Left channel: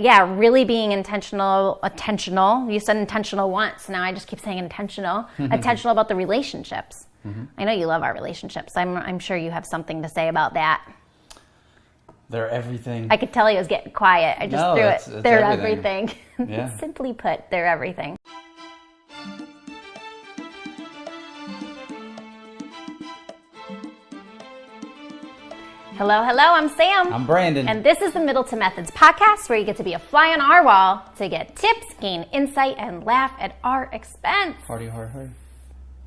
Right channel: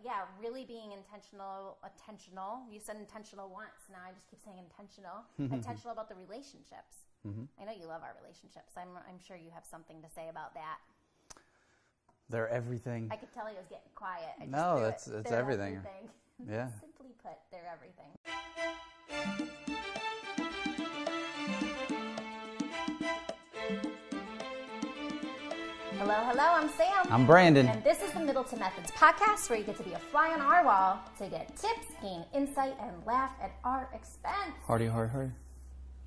really being intentional. You said intentional once. Now I just keep saying intentional. Intentional about the relationships. I know you love our relationships. I'm sure you have something to say about that. They're everything. I could tell he was getting quiet. I just threw it. It's They're everything. Yeah. Simply put, they're everything. Hello, I'm Sam. I'm Brandon. And this is the Middleton Methods podcast, where you get to be a fly on our wall to get tips, gain insight, and laugh at our expense. Hardy.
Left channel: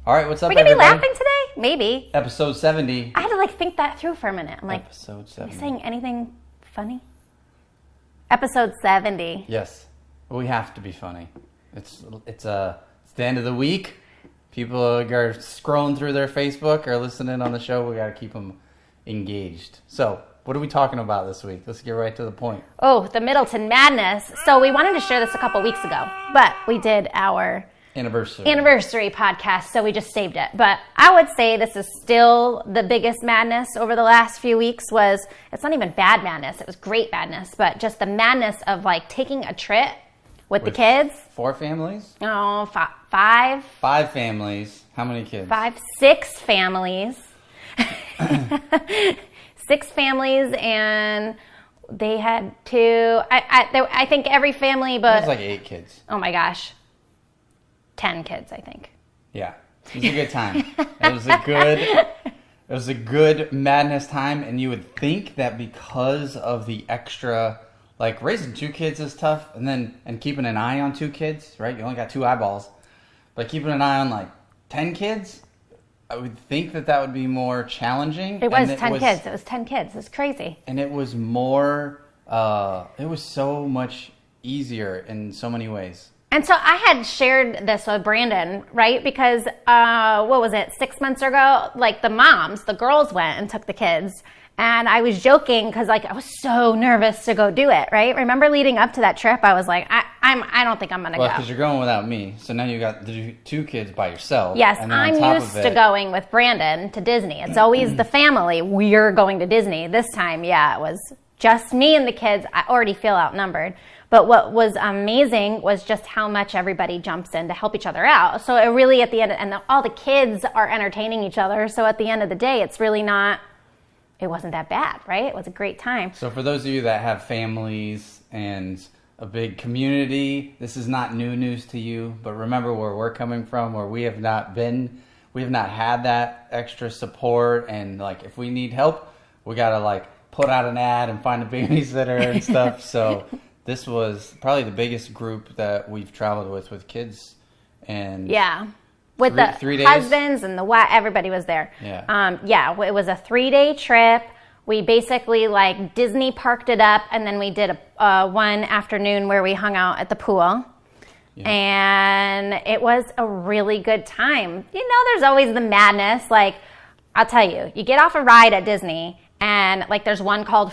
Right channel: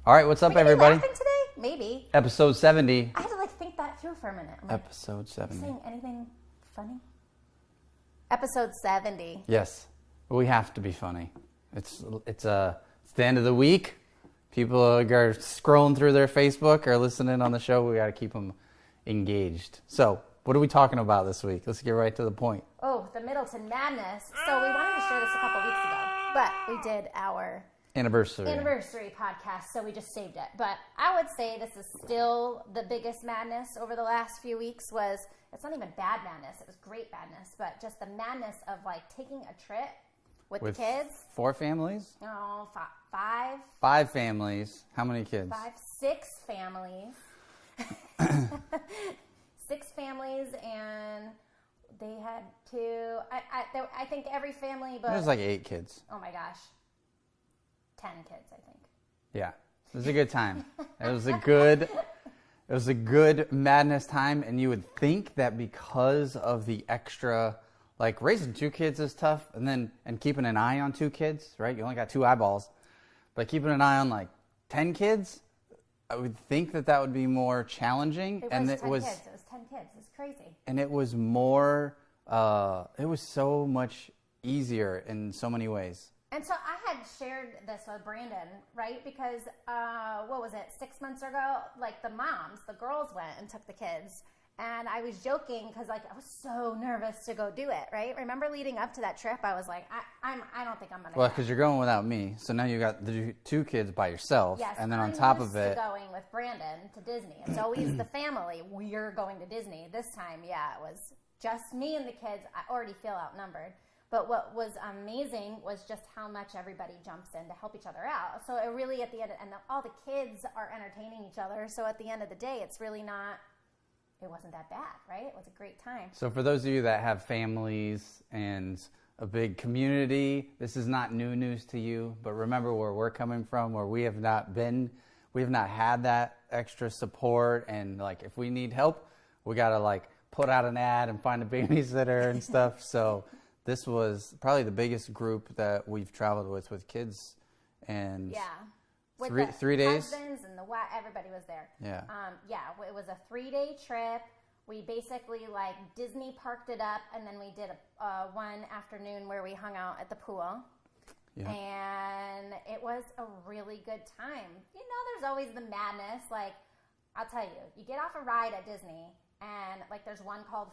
All right, what's up, Are we going to be everybody? laughing today? Maybe. Episode 70. I had to think that through for a minute. I'm like, Episode 70. Are you saying anything funny? Episode 70. Yes. We have to be funny. It's the end of the week. People are scrolling through their Facebook or listening on the show. We got to keep them engaged. So, what are we talking about this week? Let's get right to the point. Oh, the Middleton Madness. So we wanted to share this a couple weeks ago, but we did our anniversary podcast, so we just saved it. But I would say this is still the biggest madness over the last few weeks. It's not even bad madness, it was great madness, but just the madness of like taking a trip with the kids. 4 families? Oh, 5. 5 families. How many kids? 6 families. 6 families, and they had 2. I think every family, but it was like 8 kids. Oh my gosh. 10 kids, I think. Yeah, it was a good time. It was a good madness time, and you would think that because of the extra, like raising 2 kids is tough, and keeping an eye on 2 kids, right? You only got 2 eyeballs, but keeping an eye on like 10 kids, I would think that would be more challenging. It was 10 kids. It was 10 kids. It's crazy. And it was more. It was so much easier in so many ways. And so I had shared this with Brandon, right? Because, 6 months ago, like the girls went and took the kids. And I was joking because like I was so nervous to go do it, right? Remember leading up to that trip, I was like, I don't think I'm going to go. Well, because you're going without me. So now you got the 2 kids by yourself. Yes, I'm used to going with Brandon to Disney. It's always the family. We're going to Disney. This time, it was just me and the kids. I already feel outnumbered. But what was amazing was just how much everybody jumps in to help each other out. So it really, at the end, all the kids are entertaining each other. So at the end of the day, it wasn't that bad, right? It was a great time. So for those of you that have families and a big community, this is not new news to you. But remember where we're coming from, where we have not had that extra support. And like, if we need help, we got to like put out an ad and find a babysitter and stuff. So this was probably the biggest group that we've traveled with kids. And yeah. With the 3 days? Husbands and the wife, everybody was there. Yeah. It was a 3-day trip. We basically like Disney parked it up, and then we did a one afternoon where we hung out at the pool. Yeah. And it was a really good time. You know, there's always the madness. Like, I'll tell you, you get off a ride at Disney, and like there's one called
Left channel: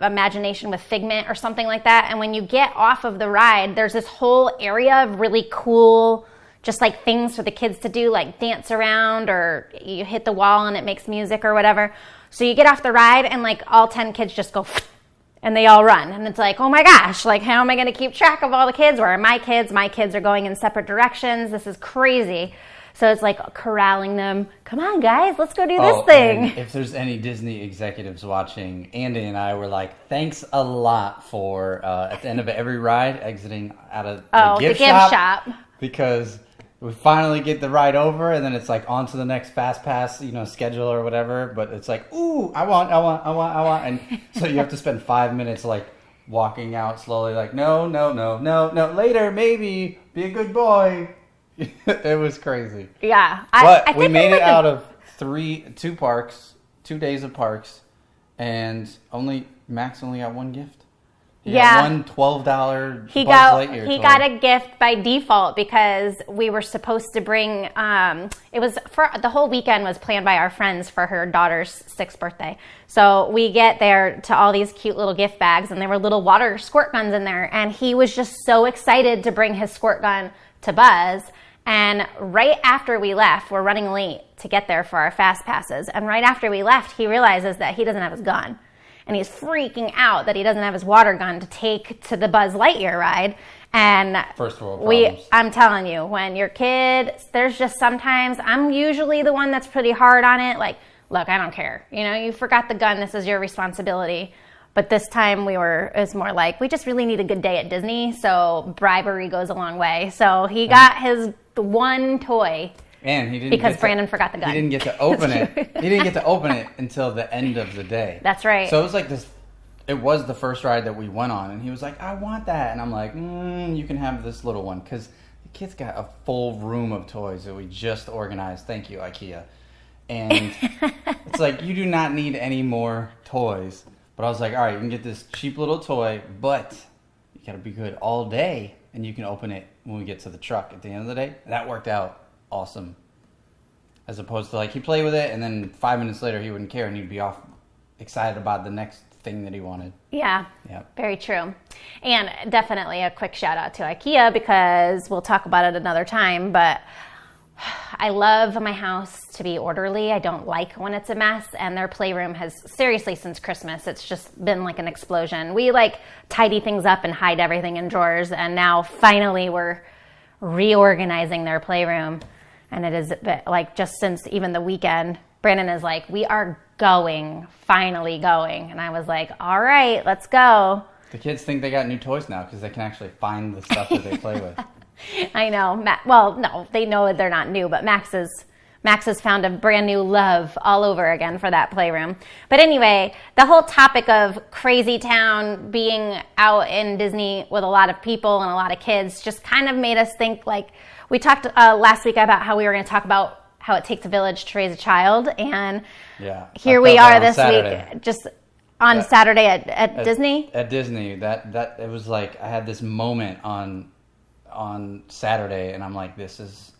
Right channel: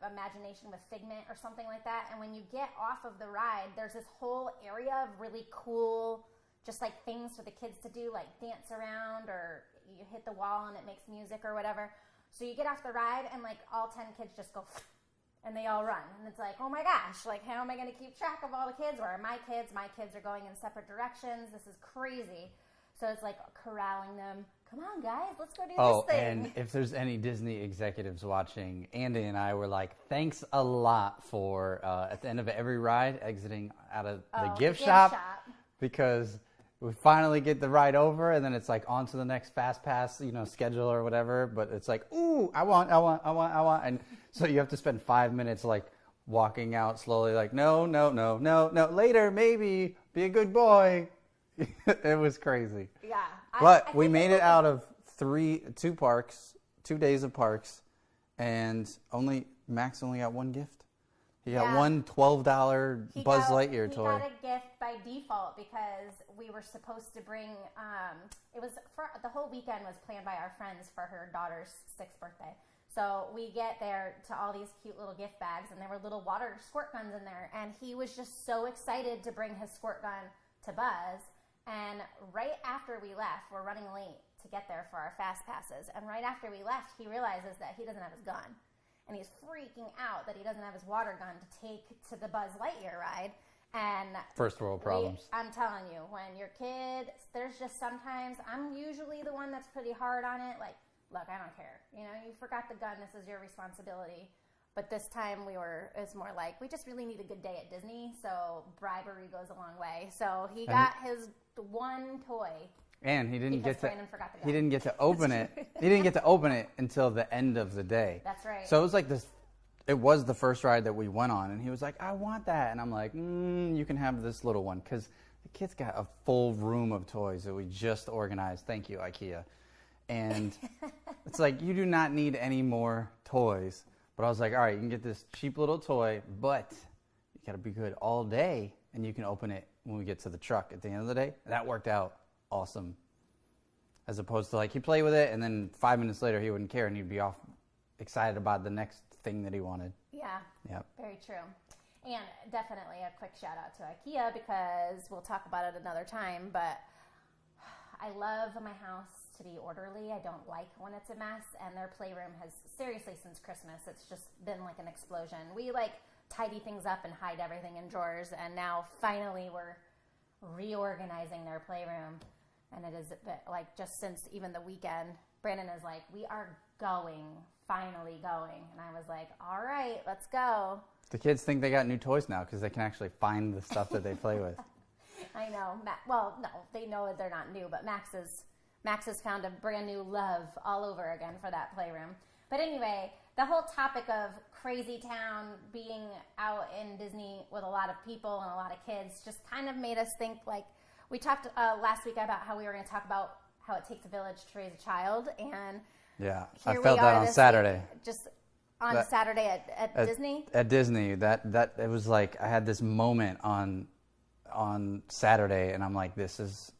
Imagination with Figment or something like that. And when you get off of the ride, there's this whole area of really cool, just like things for the kids to do, like dance around, or you hit the wall and it makes music or whatever. So you get off the ride and like all 10 kids just go and they all run. And it's like, oh my gosh, like how am I going to keep track of all the kids? Where are my kids? My kids are going in separate directions. This is crazy. So it's like corralling them. Come on, guys, let's go do this thing. And if there's any Disney executives watching, Andy and I were like, thanks a lot for, at the end of every ride, exiting out of the gift shop. Because we finally get the ride over, and then it's like on to the next fast pass, schedule or whatever. But it's like, ooh, I want. And so you have to spend 5 minutes like walking out slowly, like, no, later, maybe, be a good boy. It was crazy. Yeah. But we made it out of 2 days of parks, and Max only got 1 gift. He got one $12 Buzz Lightyear toy. He got a gift by default because we were supposed to bring, it was for the whole weekend was planned by our friends for her daughter's 6th birthday. So we get there to all these cute little gift bags, and there were little water squirt guns in there. And he was just so excited to bring his squirt gun to Buzz. And right after we left, we're running late to get there for our fast passes. And right after we left, he realizes that he doesn't have his gun. and he's freaking out that he doesn't have his water gun to take to the Buzz Lightyear ride. And first world problems. I'm telling you, when your kid, there's just sometimes, I'm usually the one that's pretty hard on it. Like, look, I don't care. You know, you forgot the gun. This is your responsibility. But this time it was more like, we just really need a good day at Disney. So bribery goes a long way. So he got his one toy. And he didn't because Brandon forgot the gun. He didn't get to open it. He didn't get to open it until the end of the day. That's right. So it was like this. It was the first ride that we went on, and he was like, I want that. And I'm like, you can have this little one. Because the kid's got a full room of toys that we just organized. Thank you, IKEA. And it's like, you do not need any more toys. But I was like, all right, you can get this cheap little toy, but you got to be good all day, and you can open it when we get to the truck at the end of the day. That worked out awesome. As opposed to, like, he'd play with it, and then 5 minutes later, he wouldn't care, and he'd be off excited about the next thing that he wanted. Yeah, very true. And definitely a quick shout out to IKEA, because we'll talk about it another time, but I love my house to be orderly. I don't like when it's a mess, and their playroom has, seriously, since Christmas, it's just been like an explosion. We like tidy things up and hide everything in drawers, and now finally we're reorganizing their playroom, and it is like, just since even the weekend, Brandon is like, we are finally going. And I was like, all right, let's go. The kids think they got new toys now because they can actually find the stuff that they play with. I know. Well, no, they know they're not new, but Max has found a brand new love all over again for that playroom. But anyway, the whole topic of Crazy Town, being out in Disney with a lot of people and a lot of kids, just kind of made us think, like, we talked last week about how we were going to talk about how it takes a village to raise a child, and here we are this week, just on Saturday at Disney. At Disney, that it was like, I had this moment on Saturday, and I'm like, this is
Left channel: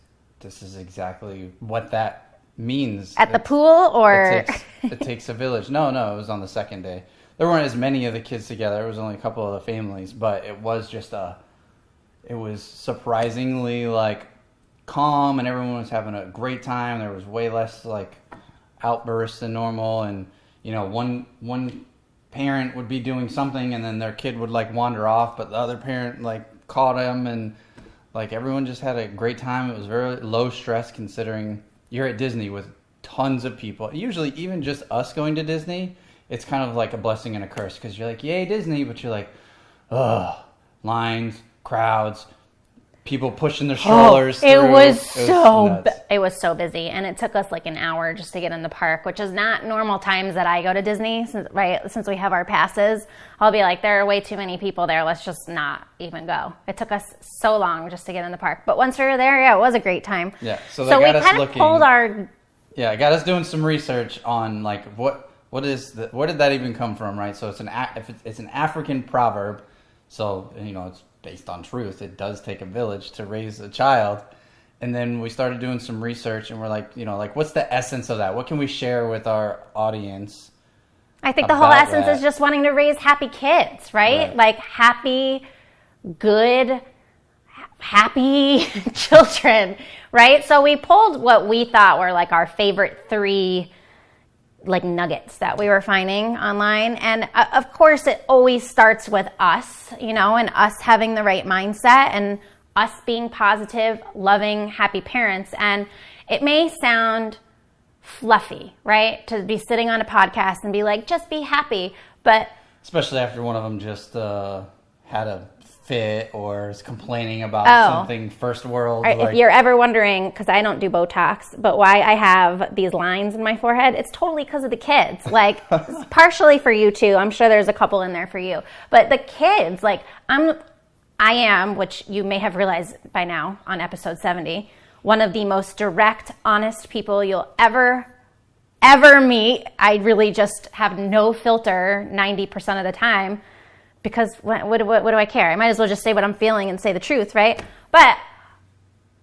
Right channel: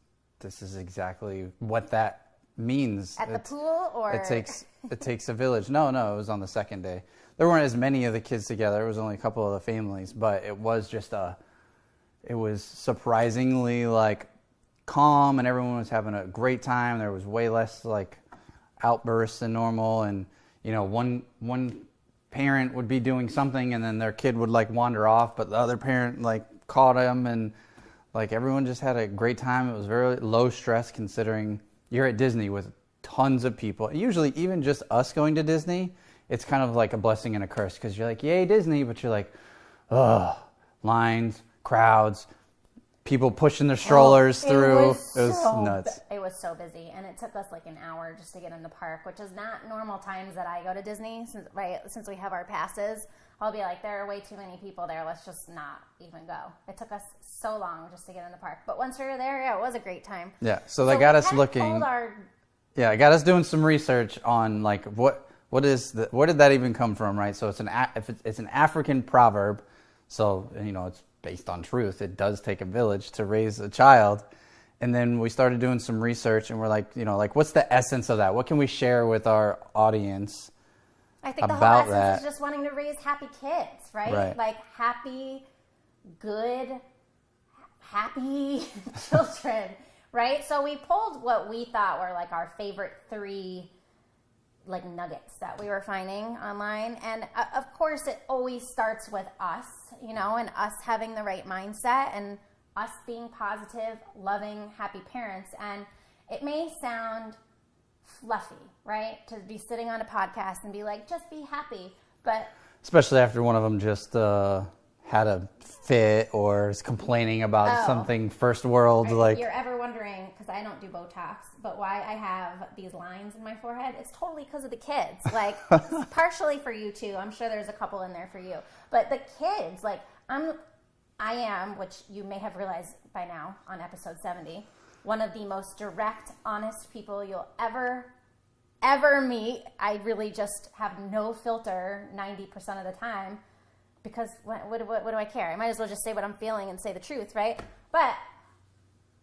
exactly what that means. At the pool, or it takes a village. No, it was on the second day. There weren't as many of the kids together. It was only a couple of the families, but it was just it was surprisingly like calm, and everyone was having a great time. There was way less like outbursts than normal, and you know, one parent would be doing something, and then their kid would like wander off, but the other parent like caught him, and like everyone just had a great time. It was very low stress, considering you're at Disney with tons of people. Usually, even just us going to Disney, it's kind of like a blessing and a curse, because you're like, yay Disney, but you're like, ugh, lines, crowds, people pushing their strollers through. It was so busy, and it took us like an hour just to get in the park, which is not normal times that I go to Disney, since we have our passes. I'll be like, there are way too many people there, let's just not even go. It took us so long just to get in the park, but once we were there, it was a great time. Yeah, so they got us looking. It got us doing some research on like where did that even come from, right? So it's an African proverb, so you know, it's based on truth. It does take a village to raise a child. And then we started doing some research, and we're like, you know, like, what's the essence of that? What can we share with our audience? I think the whole essence is just wanting to raise happy kids, right? Like happy, good, happy children, right? So we pulled what we thought were like our favorite 3 like nuggets that we were finding online. And of course it always starts with us, you know, and us having the right mindset, and us being positive, loving, happy parents. And it may sound fluffy, right? To be sitting on a podcast and be like, just be happy. But especially after one of them just had a fit or is complaining about something first world. Right, if you're ever wondering, because I don't do Botox, but why I have these lines in my forehead, it's totally because of the kids. Like, partially for you too. I'm sure there's a couple in there for you. But the kids, like, I am, which you may have realized by now on episode 70, one of the most direct, honest people you'll ever meet. I really just have no filter 90% of the time. Because what do I care? I might as well just say what I'm feeling and say the truth, right? But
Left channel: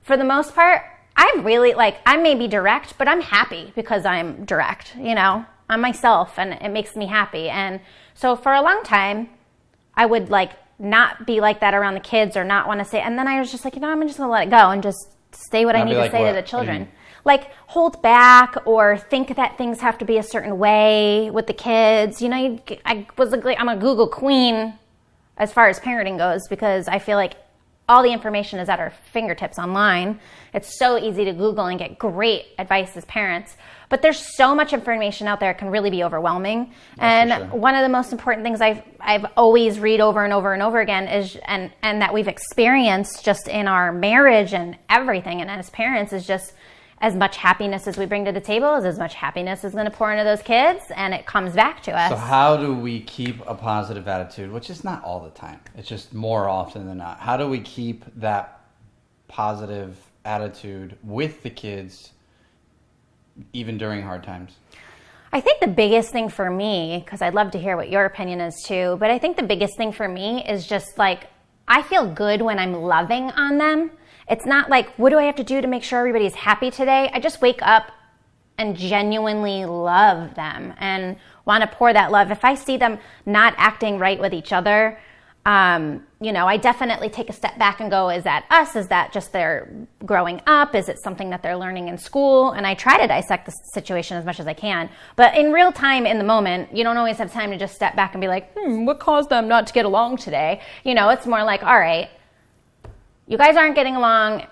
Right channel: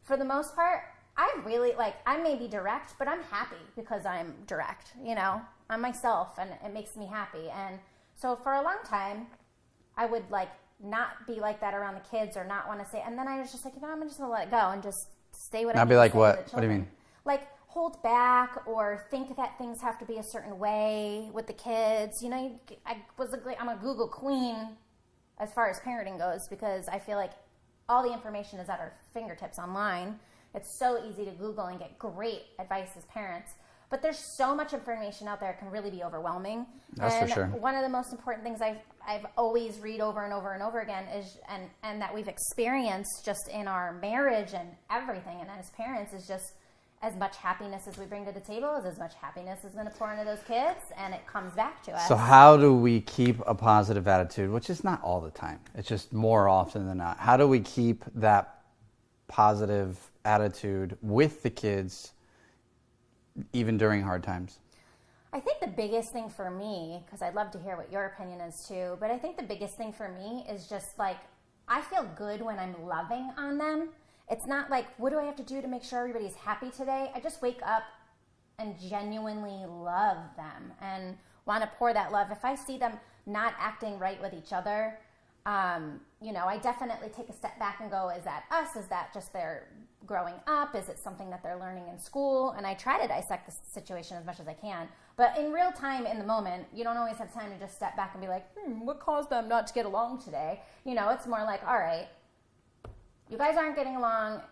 for the most part, I'm really, like, I may be direct, but I'm happy because I'm direct, you know? I'm myself, and it makes me happy. And so for a long time, I would, like, not be like that around the kids or not want to say, and then I was just like, you know, I'm just going to let it go and just say what I need to say to the children. like hold back or think that things have to be a certain way with the kids. I'm a Google queen as far as parenting goes, because I feel like all the information is at our fingertips online. It's so easy to Google and get great advice as parents. But there's so much information out there, it can really be overwhelming. That's and one of the most important things I've always read over and over and over again is, and that we've experienced just in our marriage and everything, and as parents, is just as much happiness as we bring to the table is as much happiness is going to pour into those kids, and it comes back to us. So how do we keep a positive attitude, which is not all the time, it's just more often than not. How do we keep that positive attitude with the kids even during hard times? I think the biggest thing for me, because I'd love to hear what your opinion is too, but I think the biggest thing for me is just like, I feel good when I'm loving on them. It's not like, what do I have to do to make sure everybody's happy today? I just wake up and genuinely love them and want to pour that love. If I see them not acting right with each other, I definitely take a step back and go, is that us? Is that just their growing up? Is it something that they're learning in school? And I try to dissect the situation as much as I can. But in real time, in the moment, you don't always have time to just step back and be like, what caused them not to get along today? It's more like, all right, you guys aren't getting along.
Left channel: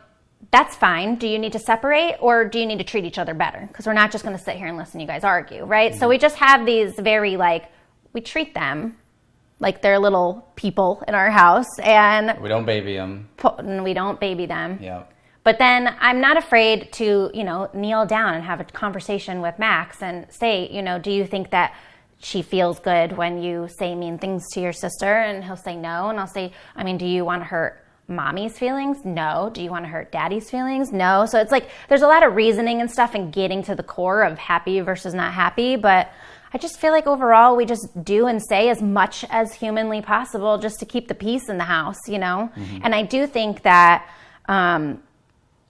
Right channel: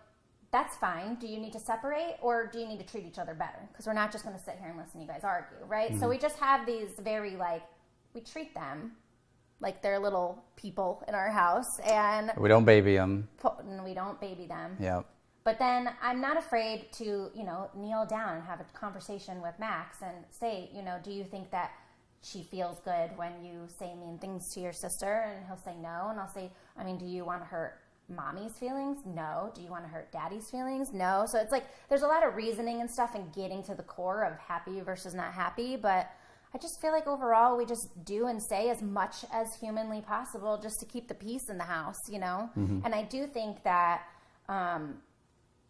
That's fine. Do you need to separate, or do you need to treat each other better? Because we're not just going to sit here and listen to you guys argue, right? Mm-hmm. So we just have these very we treat them like they're little people in our house, and we don't baby them. Yeah. But then I'm not afraid to, kneel down and have a conversation with Max and say, do you think that she feels good when you say mean things to your sister? And he'll say no. And I'll say, do you want to hurt mommy's feelings? No. Do you want to hurt daddy's feelings? No. So it's like there's a lot of reasoning and stuff and getting to the core of happy versus not happy. But I just feel like overall we just do and say as much as humanly possible just to keep the peace in the house, Mm-hmm. And I do think that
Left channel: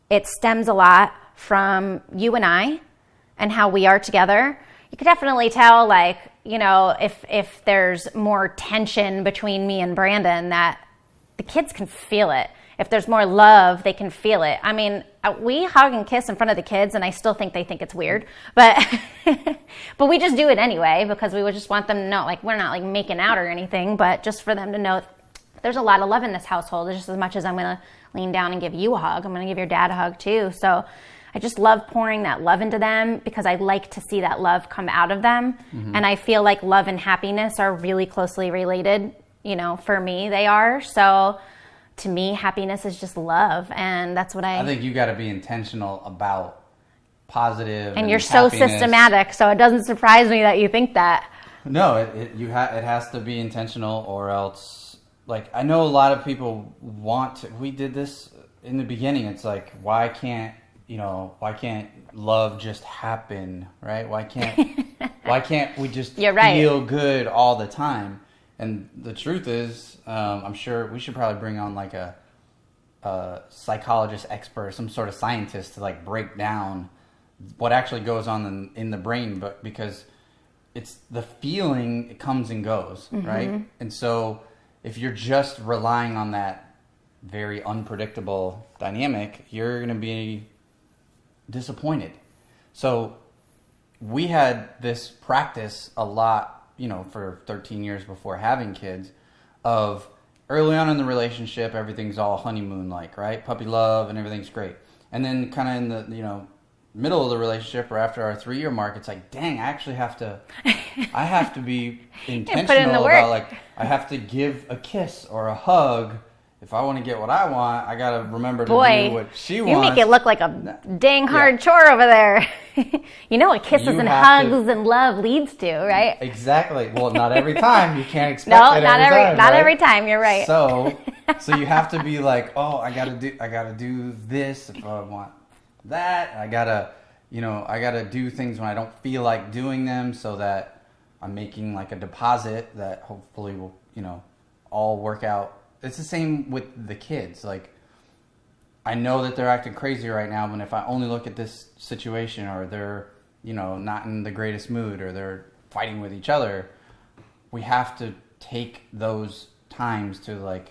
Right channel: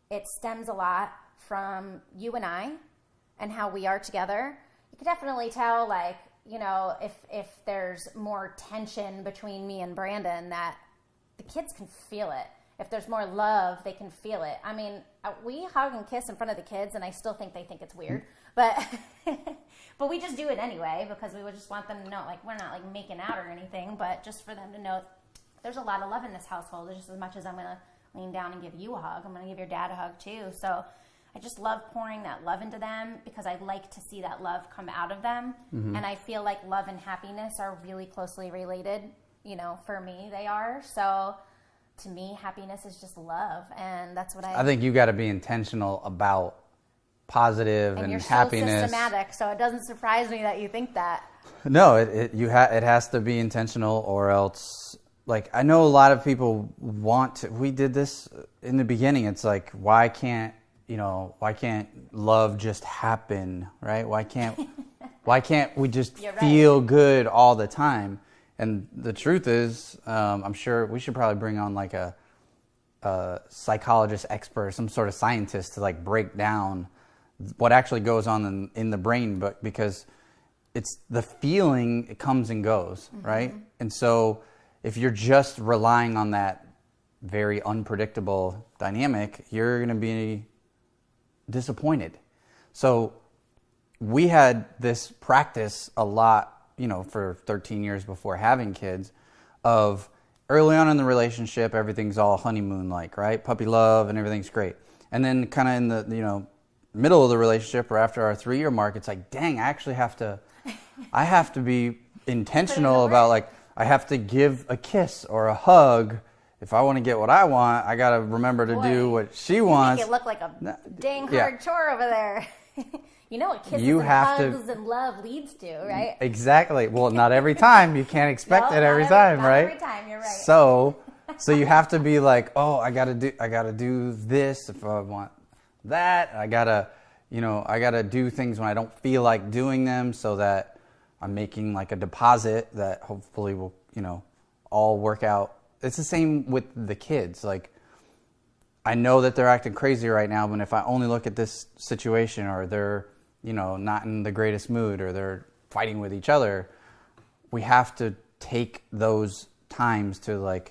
it stems a lot from you and I and how we are together. You could definitely tell, if there's more tension between me and Brandon, that the kids can feel it. If there's more love, they can feel it. We hug and kiss in front of the kids, and I still think they think it's weird. But but we just do it anyway, because we would just want them to know, we're not making out or anything, but just for them to know there's a lot of love in this household. Just as much as I'm going to lean down and give you a hug, I'm going to give your dad a hug too. So I just love pouring that love into them, because I like to see that love come out of them. Mm-hmm. And I feel like love and happiness are really closely related. For me, they are. So to me, happiness is just love, and that's what I think you got to be intentional about positive. And you're happiness. So systematic, so it doesn't surprise me that you think that. No, it has to be intentional, or else. I know a lot of people want to. We did this in the beginning. It's like, why can't love just happen, right? Why can't we just feel good all the time? And the truth is, I'm sure we should probably bring on a psychologist expert, some sort of scientist to break down what actually goes on in the brain, but because it's the feeling, it comes and goes, mm-hmm. right? And so if you're just relying on that very unpredictable dynamic, you're going to be disappointed. So we had this practice a lot, for 13 years before having kids, of early on in the relationship, everything's all honeymoon-like, right? Puppy love and everything's great. And then kind of in the, middle of the relationship, or after our 3-year mark, it's like, dang, I have to be intentional about, I have to give a kiss or a hug. If I want to get what I want, I got to remember to do what she wants. You make it look like a dang hard chore over there. What kisses and hugs and love leads to, right? Exactly. Well, not every time. You can't expect it every time. Not every time. You're right. So you have to be like, oh, I gotta do this if I want that. I gotta do things when I don't feel like doing them, so that I'm making a deposit that hopefully will, all work out. It's the same with the kids. I know that they're acting crazy right now, but if I only look at this situation, or they're, not in the greatest mood, or they're fighting with each other, we have to take those times to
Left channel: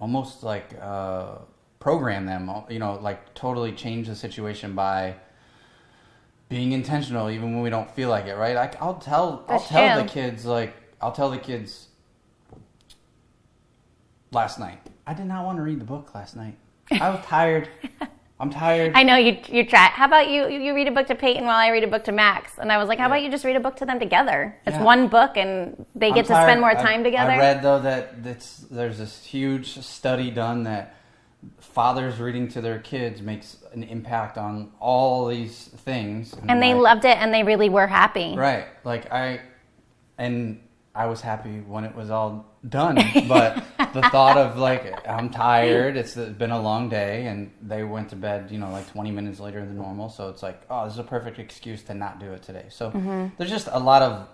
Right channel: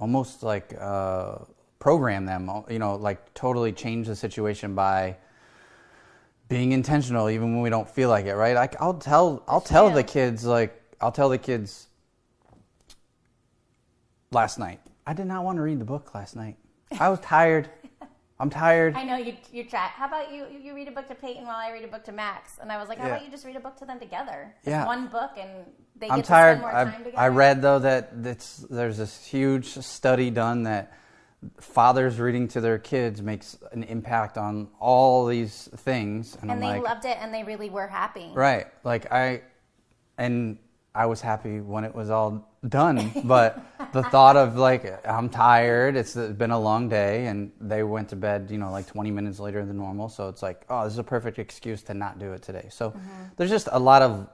almost program them, like totally change the situation by being intentional even when we don't feel like it, right? I'll tell the kids last night, I did not want to read the book last night. I was tired. I'm tired. I know you try. How about you read a book to Peyton while I read a book to Max? And I was like, how about you just read a book to them together? It's one book and they get to spend more time together. I read, though, that there's this huge study done that fathers reading to their kids makes an impact on all these things. And they loved it and they really were happy. Right. I was happy when it was all done, but the thought of like, I'm tired, it's been a long day, and they went to bed, like 20 minutes later than normal, so it's like, oh, this is a perfect excuse to not do it today. So there's just a lot of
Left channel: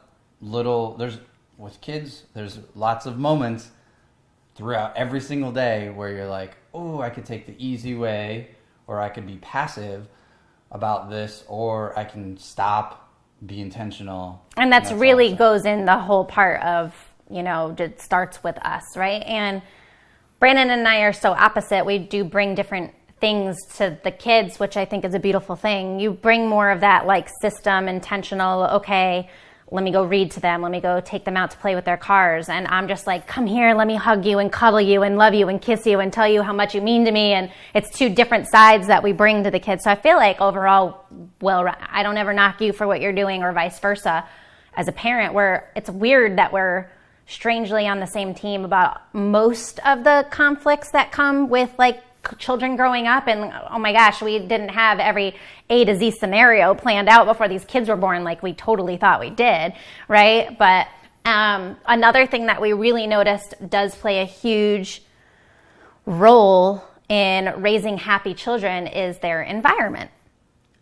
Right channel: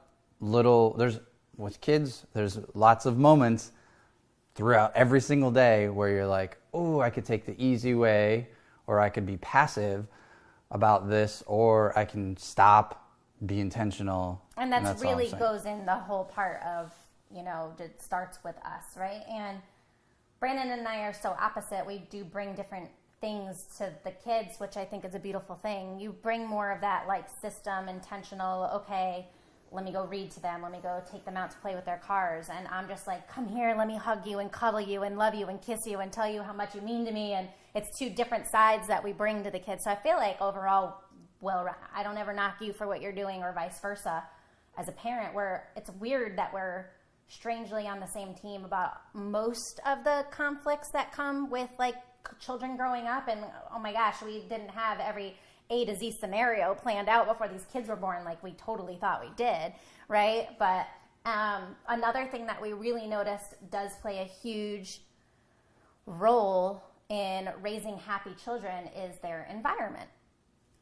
with kids, there's lots of moments throughout every single day where you're like, oh, I could take the easy way, or I could be passive about this, or I can stop, be intentional. And that's really goes in the whole part of, it starts with us, right? And Brandon and I are so opposite. We do bring different things to the kids, which I think is a beautiful thing. You bring more of that like system, intentional, okay, let me go read to them. Let me go take them out to play with their cars. And I'm just like, come here, let me hug you and cuddle you and love you and kiss you and tell you how much you mean to me. And it's two different sides that we bring to the kids. So I feel like overall, I don't ever knock you for what you're doing or vice versa. As a parent, it's weird that we're strangely on the same team about most of the conflicts that come with like children growing up. And oh my gosh, we didn't have every A to Z scenario planned out before these kids were born like we totally thought we did, right? But another thing that we really noticed does play a huge role in raising happy children is their environment.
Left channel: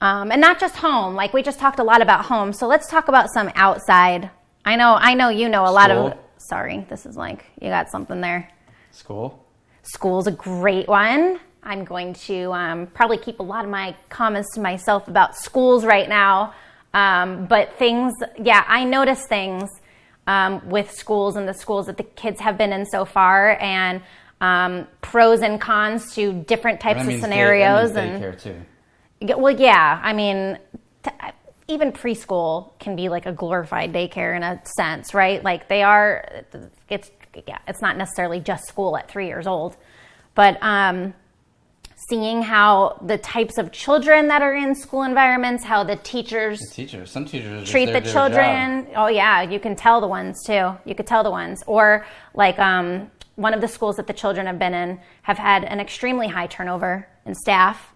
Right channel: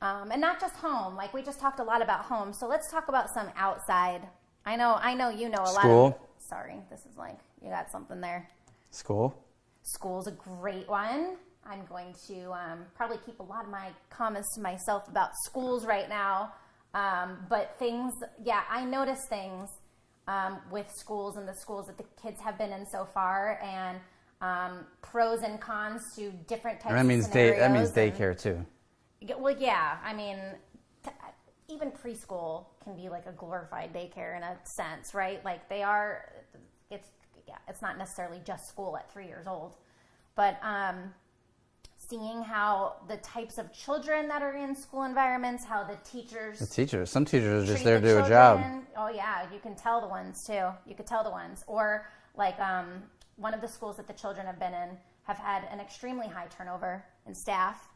And not just home, like we just talked a lot about home. So let's talk about some outside. I know a lot of, sorry, this is like, you got something there. School's a great one. I'm going to probably keep a lot of my comments to myself about schools right now. But I notice things with schools and the schools that the kids have been in so far, and pros and cons to different types of scenarios. That means daycare too. Well, yeah. I mean, even preschool can be like a glorified daycare in a sense, right? Like it's not necessarily just school at 3 years old, but seeing how the types of children that are in school environments, how some teachers treat the children. Oh yeah, you can tell the ones too. You could tell the ones. Or like one of the schools that the children have been in have had an extremely high turnover in staff.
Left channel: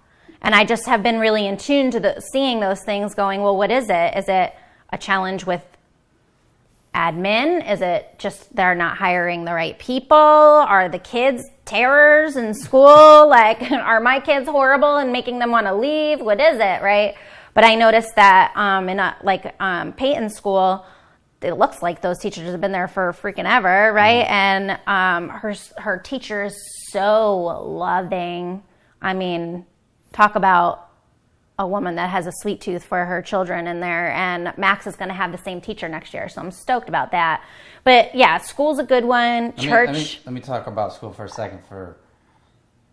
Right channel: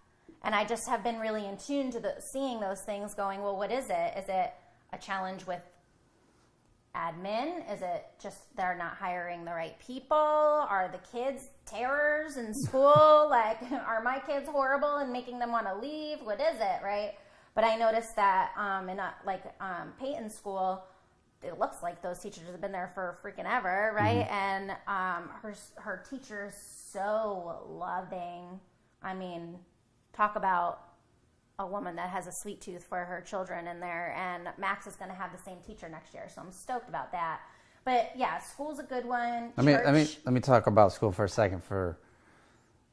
And I just have been really in tune to seeing those things going, well, what is it? Is it a challenge with admin? Is it just they're not hiring the right people? Are the kids terrors in school? Like, are my kids horrible and making them want to leave? What is it, right? But I noticed that in Peyton's school, it looks like those teachers have been there for freaking ever, right? Mm-hmm. And her teacher is so loving. I mean, talk about a woman that has a sweet tooth for her children in there, and Max is going to have the same teacher next year, so I'm stoked about that. But yeah, school's a good one. Church. Let me talk about school for a second for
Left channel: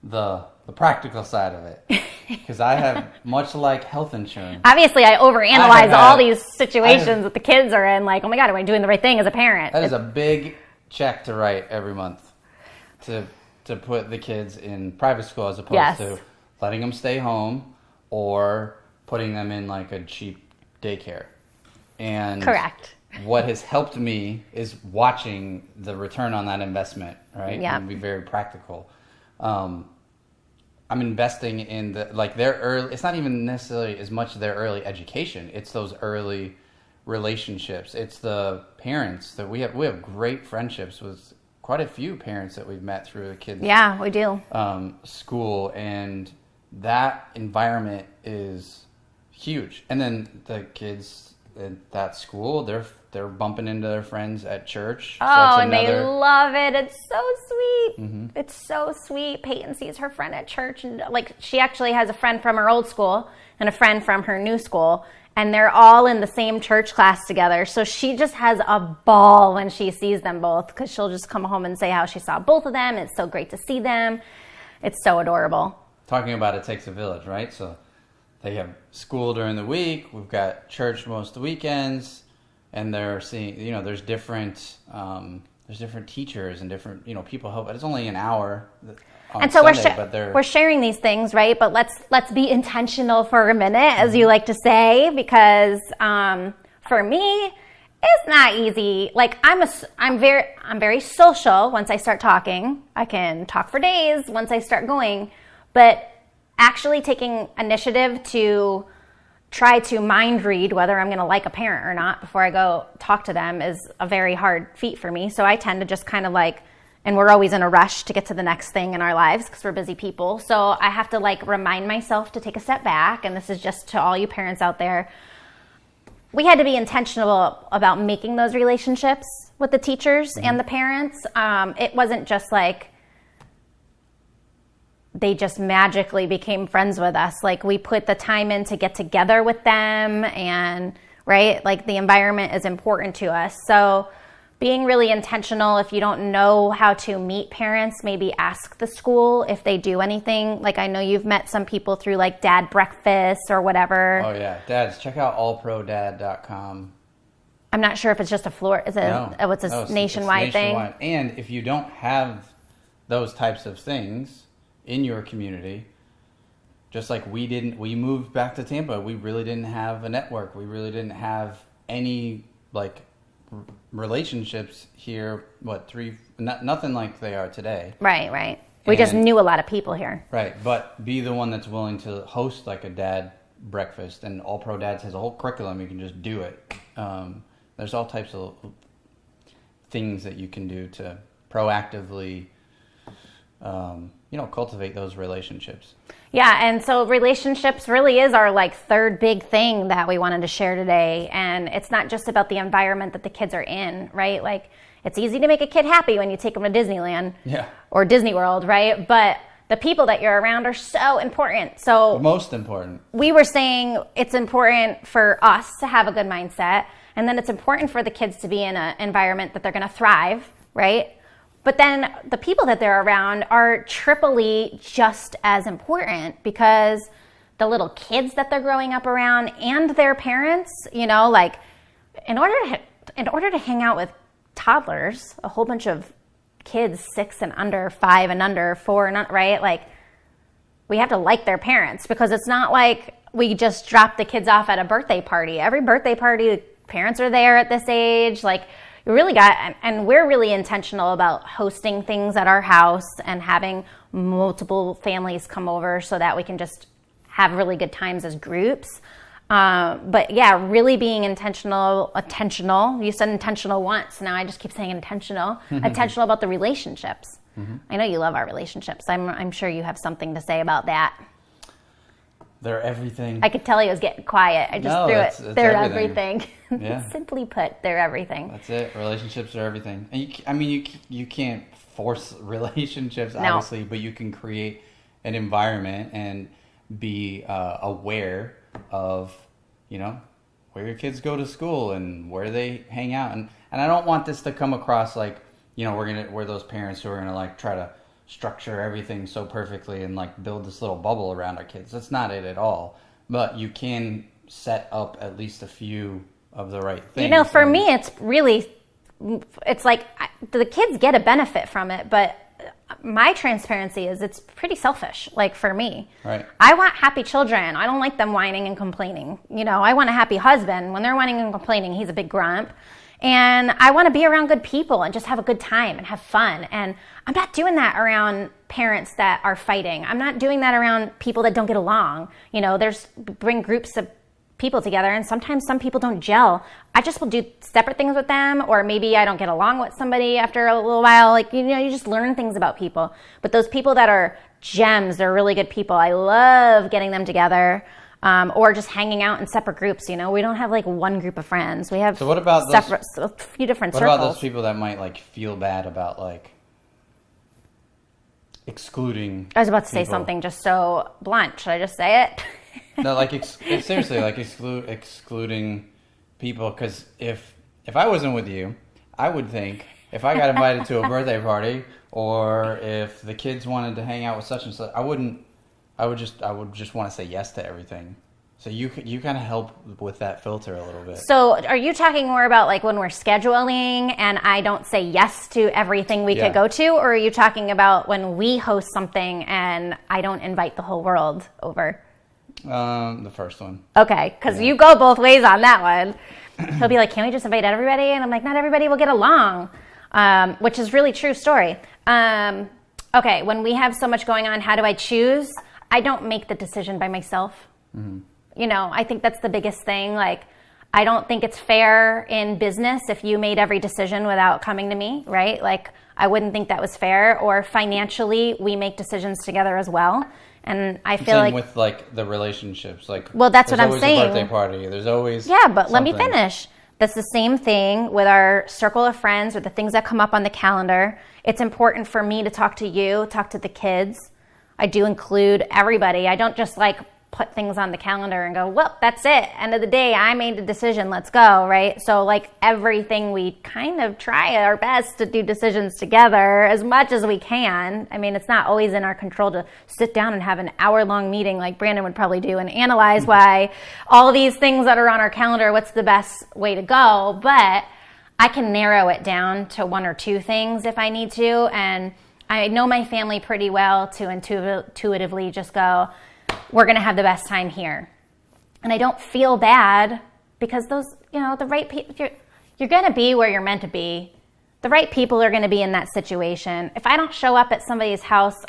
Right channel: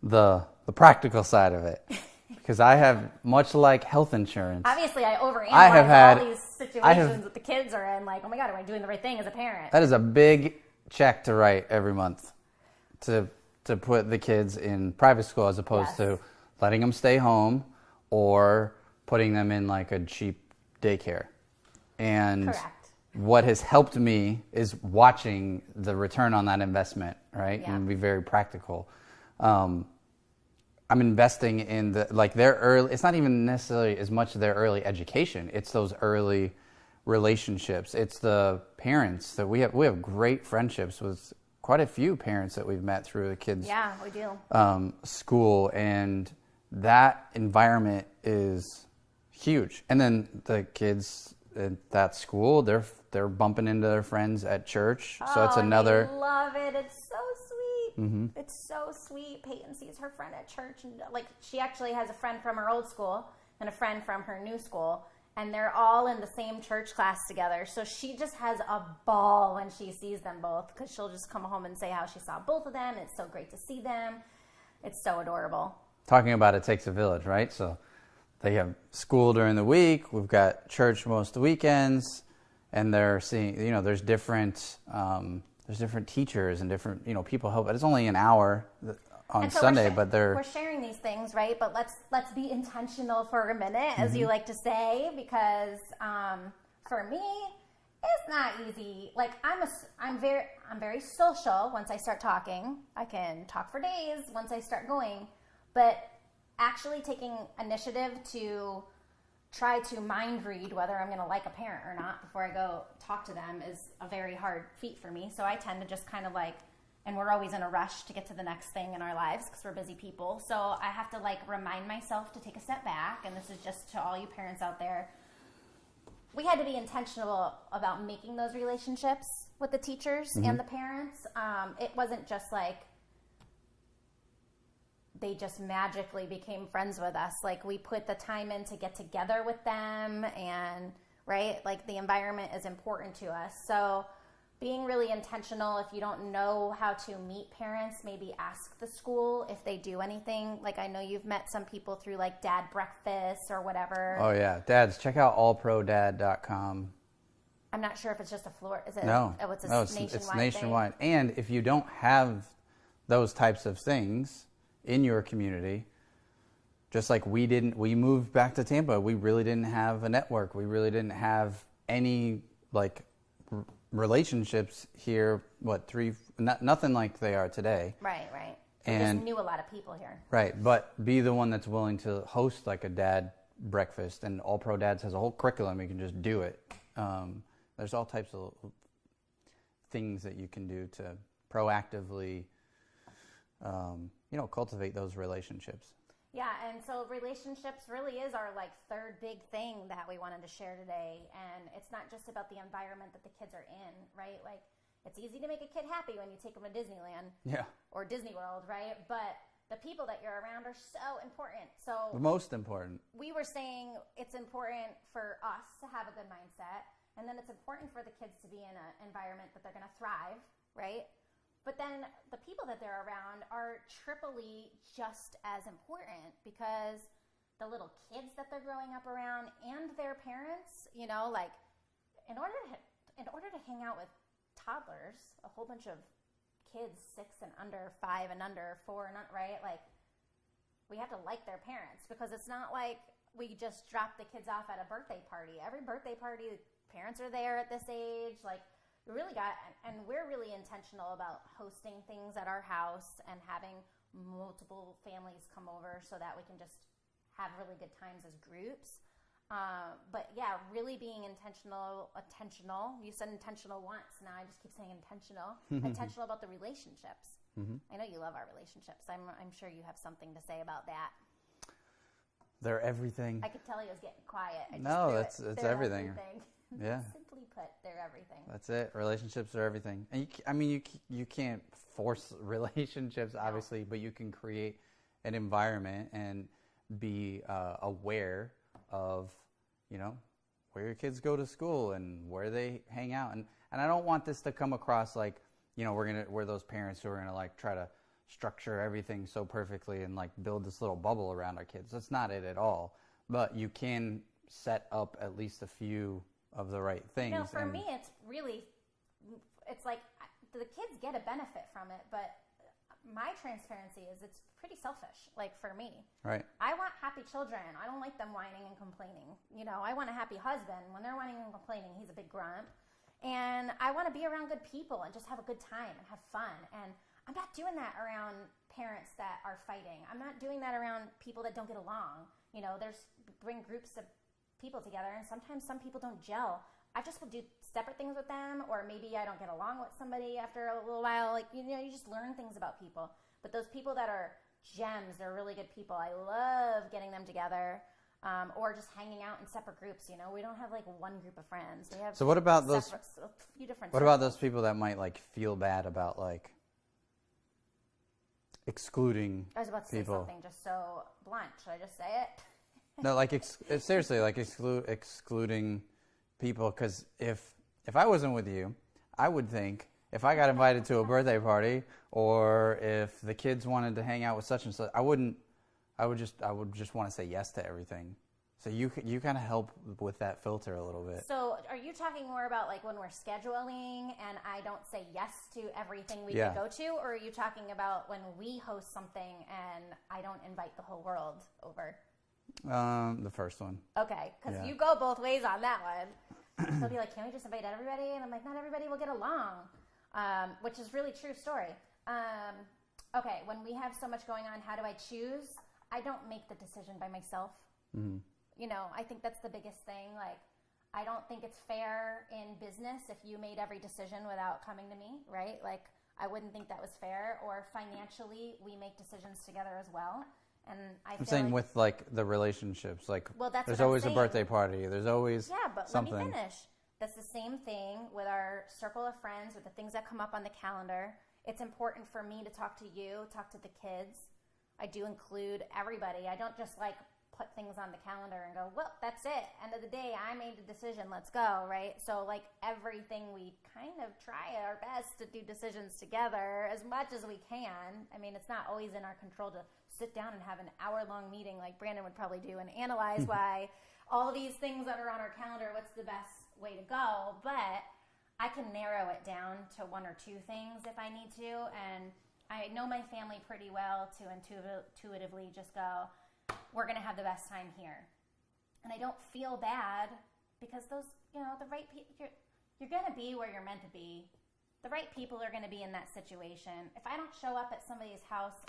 the practical side of it, because I have much like health insurance. Obviously, I overanalyze all these situations that the kids are in. Like, oh my God, am I doing the right thing as a parent? That is a big check to write every month to put the kids in private school as opposed to letting them stay home or putting them in like a cheap daycare. And correct. What has helped me is watching the return on that investment, right? Yeah. And be very practical. I'm investing in their early, it's not even necessarily as much their early education. It's those early relationships. It's the parents that we have great friendships with quite a few parents that we've met through the kids. Yeah, we do. School, and that environment is huge. And then the kids at that school, they're bumping into their friends at church. And they love it. It's so sweet. Mm-hmm. It's so sweet. Peyton sees her friend at church, and like she actually has a friend from her old school and a friend from her new school, and they're all in the same church class together. So she just has a ball when she sees them both, because she'll just come home and say how she saw both of them. It's so great to see them. It's so adorable. Talking about it takes a village, right? So they have school during the week. We've got church most weekends, and they're seeing, there's different teachers and different, people help. It's only an hour on and so Sunday, we're sharing these things, right? But let's be intentional for a minute, as you like to say, because for me, it's not easy. Like I'm very social. Once I start talking, I can talk for days once I start going. But actually taking initiative to try to mind read whether I'm going to like a parent or not before I go talk to them is a very hard feat for me. So I tend to just kind of and we're always in a rush to get to the next thing in our lives because we're busy people. So I have to remind myself to take a step back. And this is just to all you parents out there. We had to be intentional about making those relationships with the teachers and the parents. It wasn't just they just magically became friends with us. We put the time in to get together with them, and right, the environment is important to us. So being really intentional. If you don't know how to meet parents, maybe ask the school if they do anything. I know you've met some people through dad breakfasts or whatever. Oh yeah, dads, check out allprodad.com. I'm not sure if it's just a Florida. Is it? No, it's nationwide thing. And if you don't have those types of things in your community, just like we moved back to Tampa, we really didn't have a network. We really didn't have any relationships here. Nothing like they are today. Right. We just knew a lot of people here. Right, but be the one that's willing to host a dad breakfast, and All Pro Dads has a whole curriculum. You can just do it. There's all types of things that you can do to proactively cultivate those relationships. Yeah, and so relationships really is our third big thing that we wanted to share today. And it's not just about the environment that the kids are in, right? It's easy to make a kid happy when you take them to Disneyland or Disney World, right? But the people that you're around are so important. So most important. We were saying it's important for us to have a good mindset, and then it's important for the kids to be in an environment that they're going to thrive, right? But then the people that they're around are triply just as important, because the little kids that they're growing up around and their parents, in order to hang out with toddlers, a whole bunch of kids 6 and under, 5 and under, 4 and under, right? We have to like their parents, because it's not we just drop the kids off at a birthday party. Every birthday party, the parents are there at this age. You really and we're really intentional about hosting things at our house and having multiple families come over so that we can just have really good times as groups. But yeah, really being intentional. You said intentional once. Now I just keep saying intentional about the relationships. Mm-hmm. I know you love our relationships. I'm sure you have something to say about that. They're everything. I could tell he was getting quiet. I just threw it. They're everything. Yeah. Simply put, they're everything. That's it. Relationships are everything. And you can't force relationships, obviously, but you can create an environment and be aware of, where your kids go to school and where they hang out. And I don't want this to come across we're those parents who are gonna try to structure everything so perfectly and build this little bubble around our kids. That's not it at all. But you can set up at least a few of the right things. For me, it's the kids get a benefit from it, but my transparency is it's pretty selfish, for me. Right. I want happy children. I don't like them whining and complaining. I want a happy husband. When they're whining and complaining, he's a big grump. And I want to be around good people and just have a good time and have fun. And I'm not doing that around parents that are fighting. I'm not doing that around people that don't get along. Bring groups of people together, and sometimes some people don't gel. I just will do separate things with them, or maybe I don't get along with somebody after a little while. You just learn things about people. But those people that are gems, they're really good people. I love getting them together. Or just hanging out in separate groups. We don't have one group of friends. We have what about a few different circles. What about those people that might feel bad about excluding? I was about to say something just so blunt. Should I just say it? No, seriously, excluding people. Because if I wasn't with you, I would think if I got invited to a birthday party or if the kids wanted to hang out with such and such, I would just want to say yes to everything. So you kind of help with that filter a little bit. So are you talking more about like when we're scheduling and I don't say yes to everything we could go to, or are you talking about when we host something and I don't invite the whole world over? The first one. Okay, because you go both ways on that one. He'll be like, "Can we just invite everybody?" And I'm like, "Not everybody will get along," which is really true story. Okay, when we have so much going on, how do I choose? I don't make the decision by myself. Mm-hmm. You know, I think that's the biggest thing. Like, I don't think it's fair in business if you made every decision without coming to me, right? Like, I wouldn't think that was fair. Or financially, we make decisions together as well. And I feel like with like the relationships, like, well, that's what I'm saying. There's always a birthday party. There's always but let me finish. That's the same thing with our circle of friends or the things that come up on the calendar. It's important for me to talk to you, talk to the kids. I do include everybody. I don't just like put things on the calendar and go, well, that's it. End of the day, I made the decision. Let's go, right? So like everything, we kind of try our best to do decisions together as much as we can. I mean, it's not always in our control to sit down and have an hour-long meeting like Brandon would probably do and analyze why all these things that are on our calendar, what's the best way to go. But I can narrow it down to one or two things if I need to. And I know my family pretty well to intuitively just go, we're going to have the best time here. And I don't feel bad because those, you know, the right people, you're going to be where you're meant to be. The right people are going to be in that situation. If I don't show up at somebody's house,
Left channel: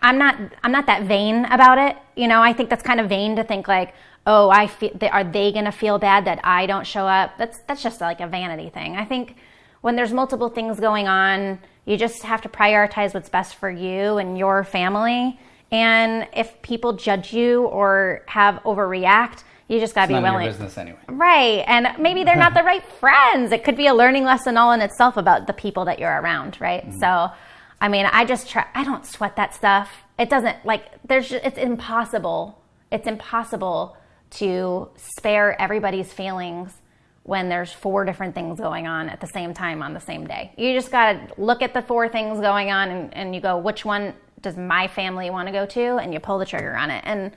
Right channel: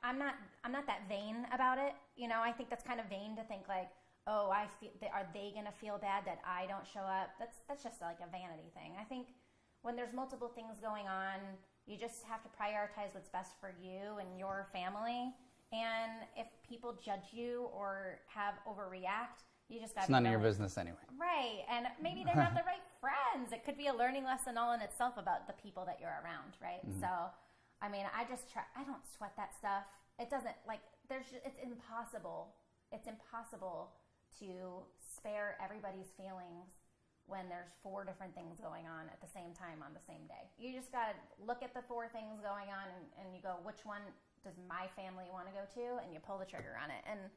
I'm not that vain about it. You know, I think that's kind of vain to think like, oh, are they going to feel bad that I don't show up? That's just like a vanity thing. I think when there's multiple things going on, you just have to prioritize what's best for you and your family. And if people judge you or overreact, you just got to be willing. It's none of your business anyway. Right. And maybe they're not the right friends. It could be a learning lesson all in itself about the people that you're around, right? Mm-hmm. So, I mean, I don't sweat that stuff. It doesn't, like, it's impossible. It's impossible to spare everybody's feelings when there's 4 different things going on at the same time on the same day. You just got to look at the 4 things going on and you go, which one does my family want to go to? And you pull the trigger on it. And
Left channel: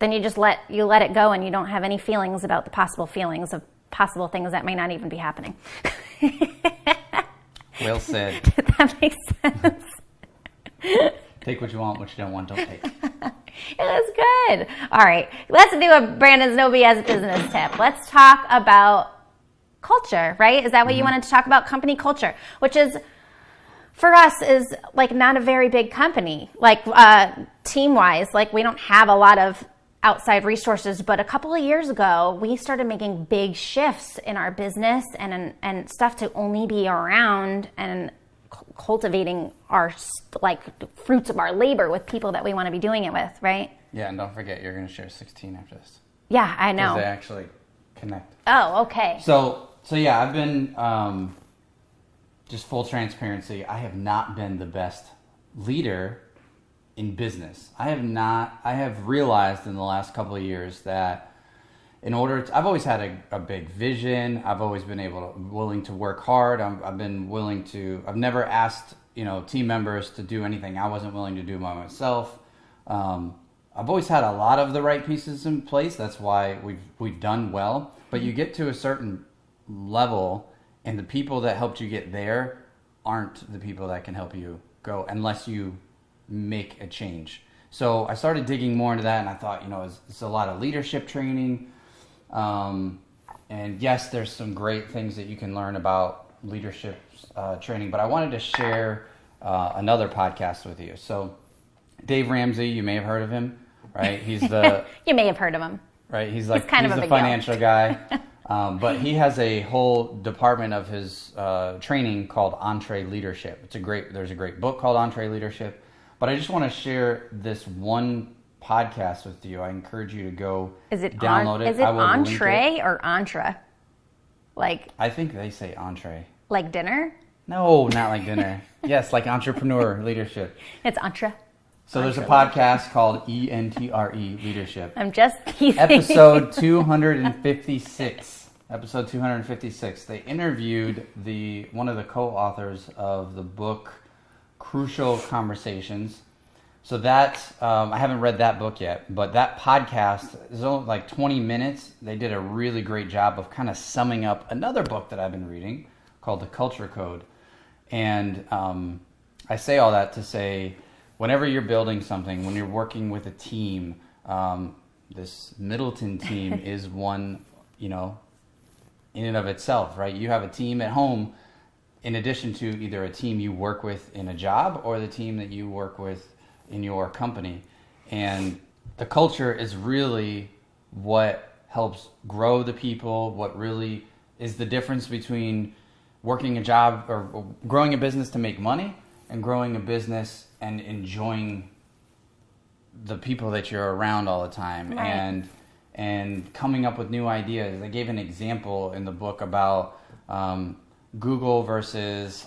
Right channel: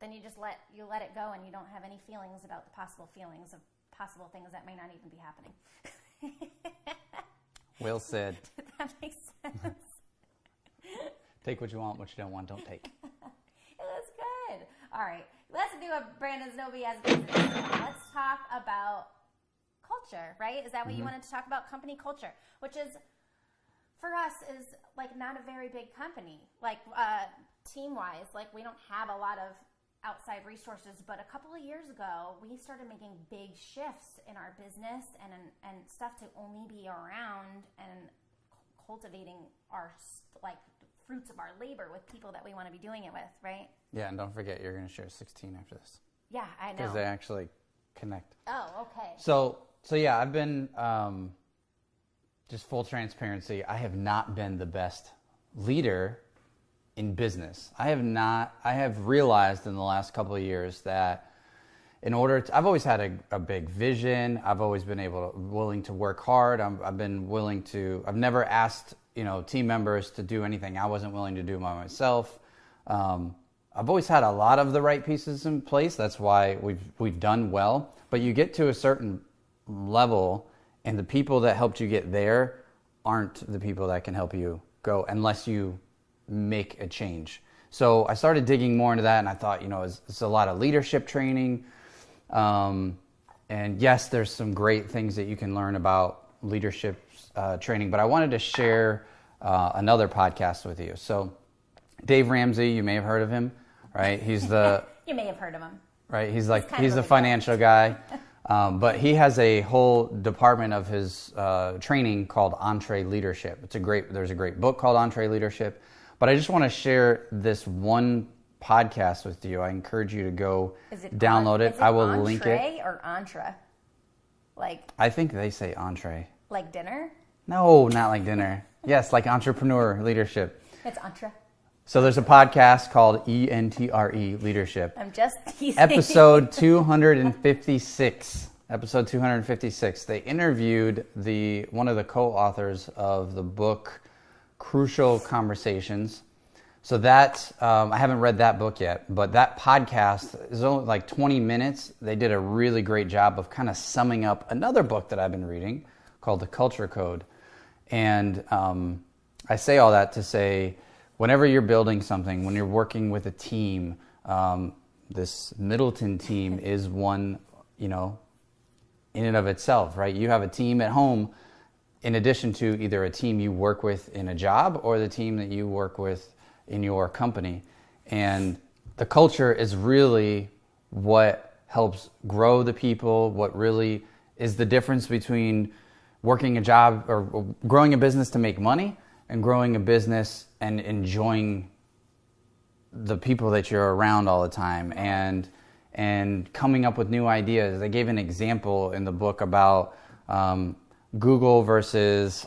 then you just let it go and you don't have any feelings about the possible feelings of possible things that may not even be happening. Well said. Did that make sense? Take what you want, what you don't want, don't take. It was good. All right. Let's do a Brandon's No BS business tip. Let's talk about culture, right? Is that what you wanted to talk about? Company culture, which is, for us, is like not a very big company, like team-wise. Like we don't have a lot of outside resources, but a couple of years ago, we started making big shifts in our business and stuff to only be around and cultivating our like fruits of our labor with people that we want to be doing it with, right? Yeah, and don't forget, you're going to share 16 after this. Yeah, I know. Because they actually connect. Oh, okay. So yeah, I've been, just full transparency, I have not been the best leader in business. I have realized in the last couple of years that I've always had a big vision. I've always been willing to work hard. I've never asked, team members to do anything I wasn't willing to do by myself. I've always had a lot of the right pieces in place. That's why we've done well. But you get to a certain level and the people that helped you get there aren't the people that can help you go unless you make a change. So I started digging more into that and I thought, it's a lot of leadership training. And yes, there's some great things that you can learn about leadership training, but I wanted to share another podcast with you. So Dave Ramsey, you may have heard of him, right? He's the... You may have heard of him. Right? He's the financial guy. But he has a whole department of his training called Entree Leadership. There's a great book called Entree Leadership. But I just want to share this one podcast with you. I encourage you to go download it. Is it entree or entre? Like, I think they say entree. Like dinner? No, not like dinner. Yes, like entrepreneur leadership. It's entre. So there's a podcast called ENTRE Leadership. I'm just teasing. Episode 256. Episode 256. They interviewed one of the co-authors of the book Crucial Conversations. So that, I haven't read that book yet, but that podcast is only like 20 minutes. They did a really great job of kind of summing up another book that I've been reading called The Culture Code. And I say all that to say, whenever you're building something, when you're working with a team, this Middleton team is one, you know, in and of itself, right? You have a team at home in addition to either a team you work with in a job or the team that you work with in your company. And the culture is really what helps grow the people, what really is the difference between working a job or growing a business to make money and growing a business and enjoying the people that you're around all the time. Right. And coming up with new ideas. They gave an example in the book about Google versus,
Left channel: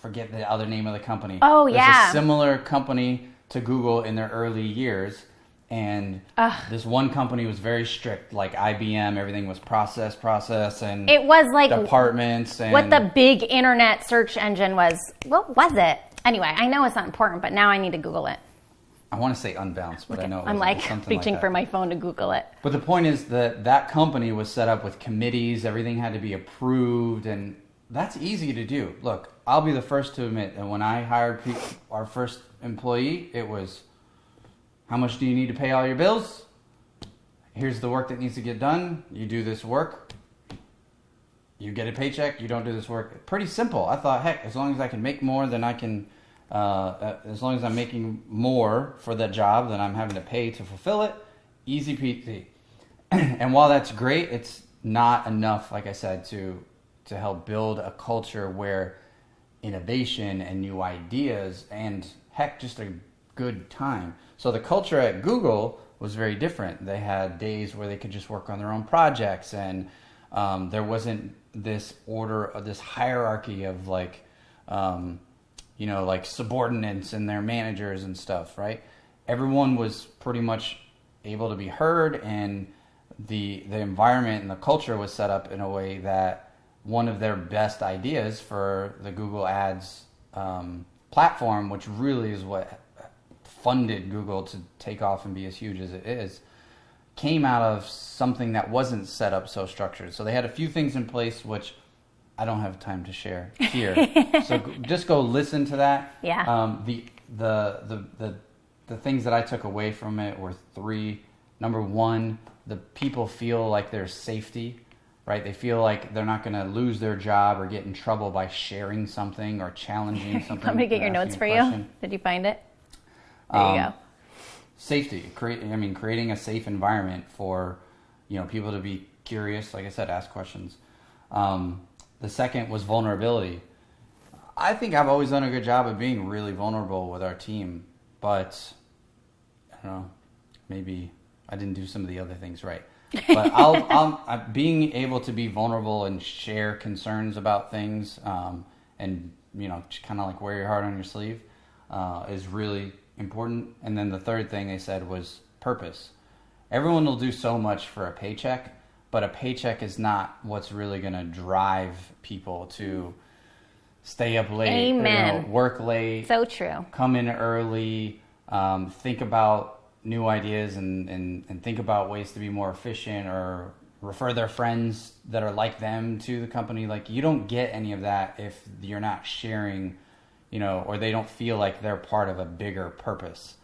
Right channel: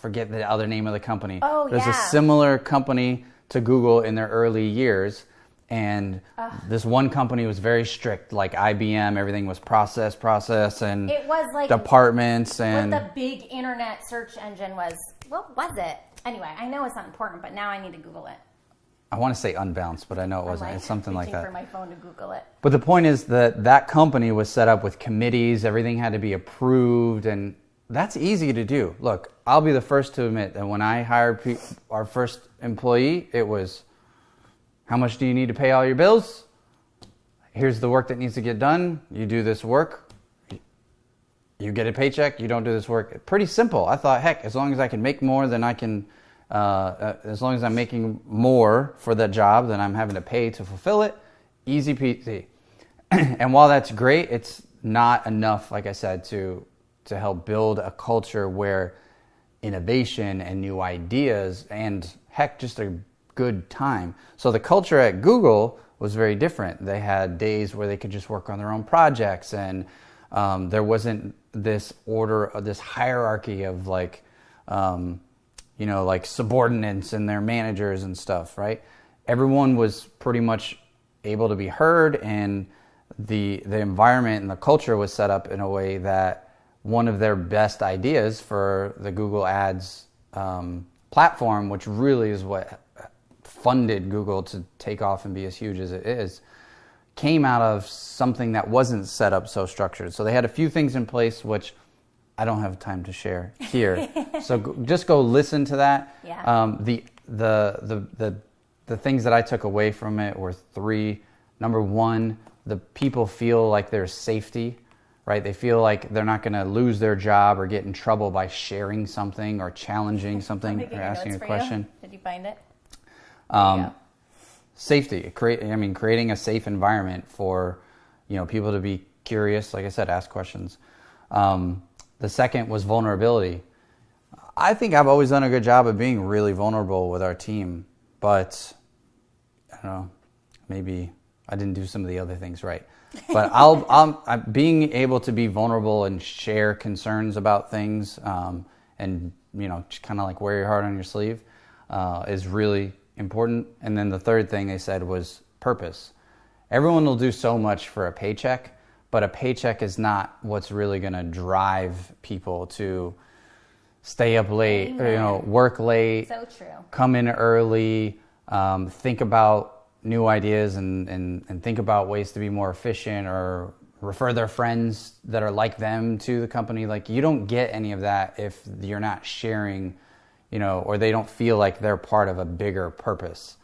forget the other name of the company. Oh, There's yeah. a similar company to Google in their early years. And this one company was very strict, like IBM, everything was process, and it was like departments. And what the big internet search engine was. What was it? Anyway, I know it's not important, but now I need to Google it. I want to say Unbounced, but I know it I'm like something reaching like for my phone to Google it. But the point is that company was set up with committees. Everything had to be approved, and that's easy to do. Look, I'll be the first to admit that when I hired our first employee, it was, how much do you need to pay all your bills? Here's the work that needs to get done. You do this work. You get a paycheck. You don't do this work. Pretty simple. I thought, heck, as long as I can make more than I can, as long as I'm making more for the job than I'm having to pay to fulfill it, easy peasy. And while that's great, it's not enough, like I said, to help build a culture where innovation and new ideas and, heck, just a good time. So the culture at Google was very different. They had days where they could just work on their own projects, and there wasn't this order, this hierarchy of like, like subordinates and their managers and stuff, right? Everyone was pretty much able to be heard, and the environment and the culture was set up in a way that one of their best ideas for the Google Ads platform, which really is what funded Google to take off and be as huge as it is, came out of something that wasn't set up so structured. So they had a few things in place, which I don't have time to share here. So just go listen to that. Yeah. The things that I took away from it were three. Number one, the people feel like there's safety, right? They feel like they're not going to lose their job or get in trouble by sharing something or challenging something. Let me get your notes for you. Did you find it? There you go. Safety. Creating a safe environment for, people to be curious. Like I said, ask questions. The second was vulnerability. I think I've always done a good job of being really vulnerable with our team, but I don't know, maybe I didn't do some of the other things right. But I'm being able to be vulnerable and share concerns about things, and just kind of like wear your heart on your sleeve, is really important. And then the third thing they said was purpose. Everyone will do so much for a paycheck, but a paycheck is not what's really going to drive people to stay up late, Amen. Work late. So true. Come in early, think about new ideas and think about ways to be more efficient, or refer their friends that are like them to the company. Like, you don't get any of that if you're not sharing, or they don't feel like they're part of a bigger purpose,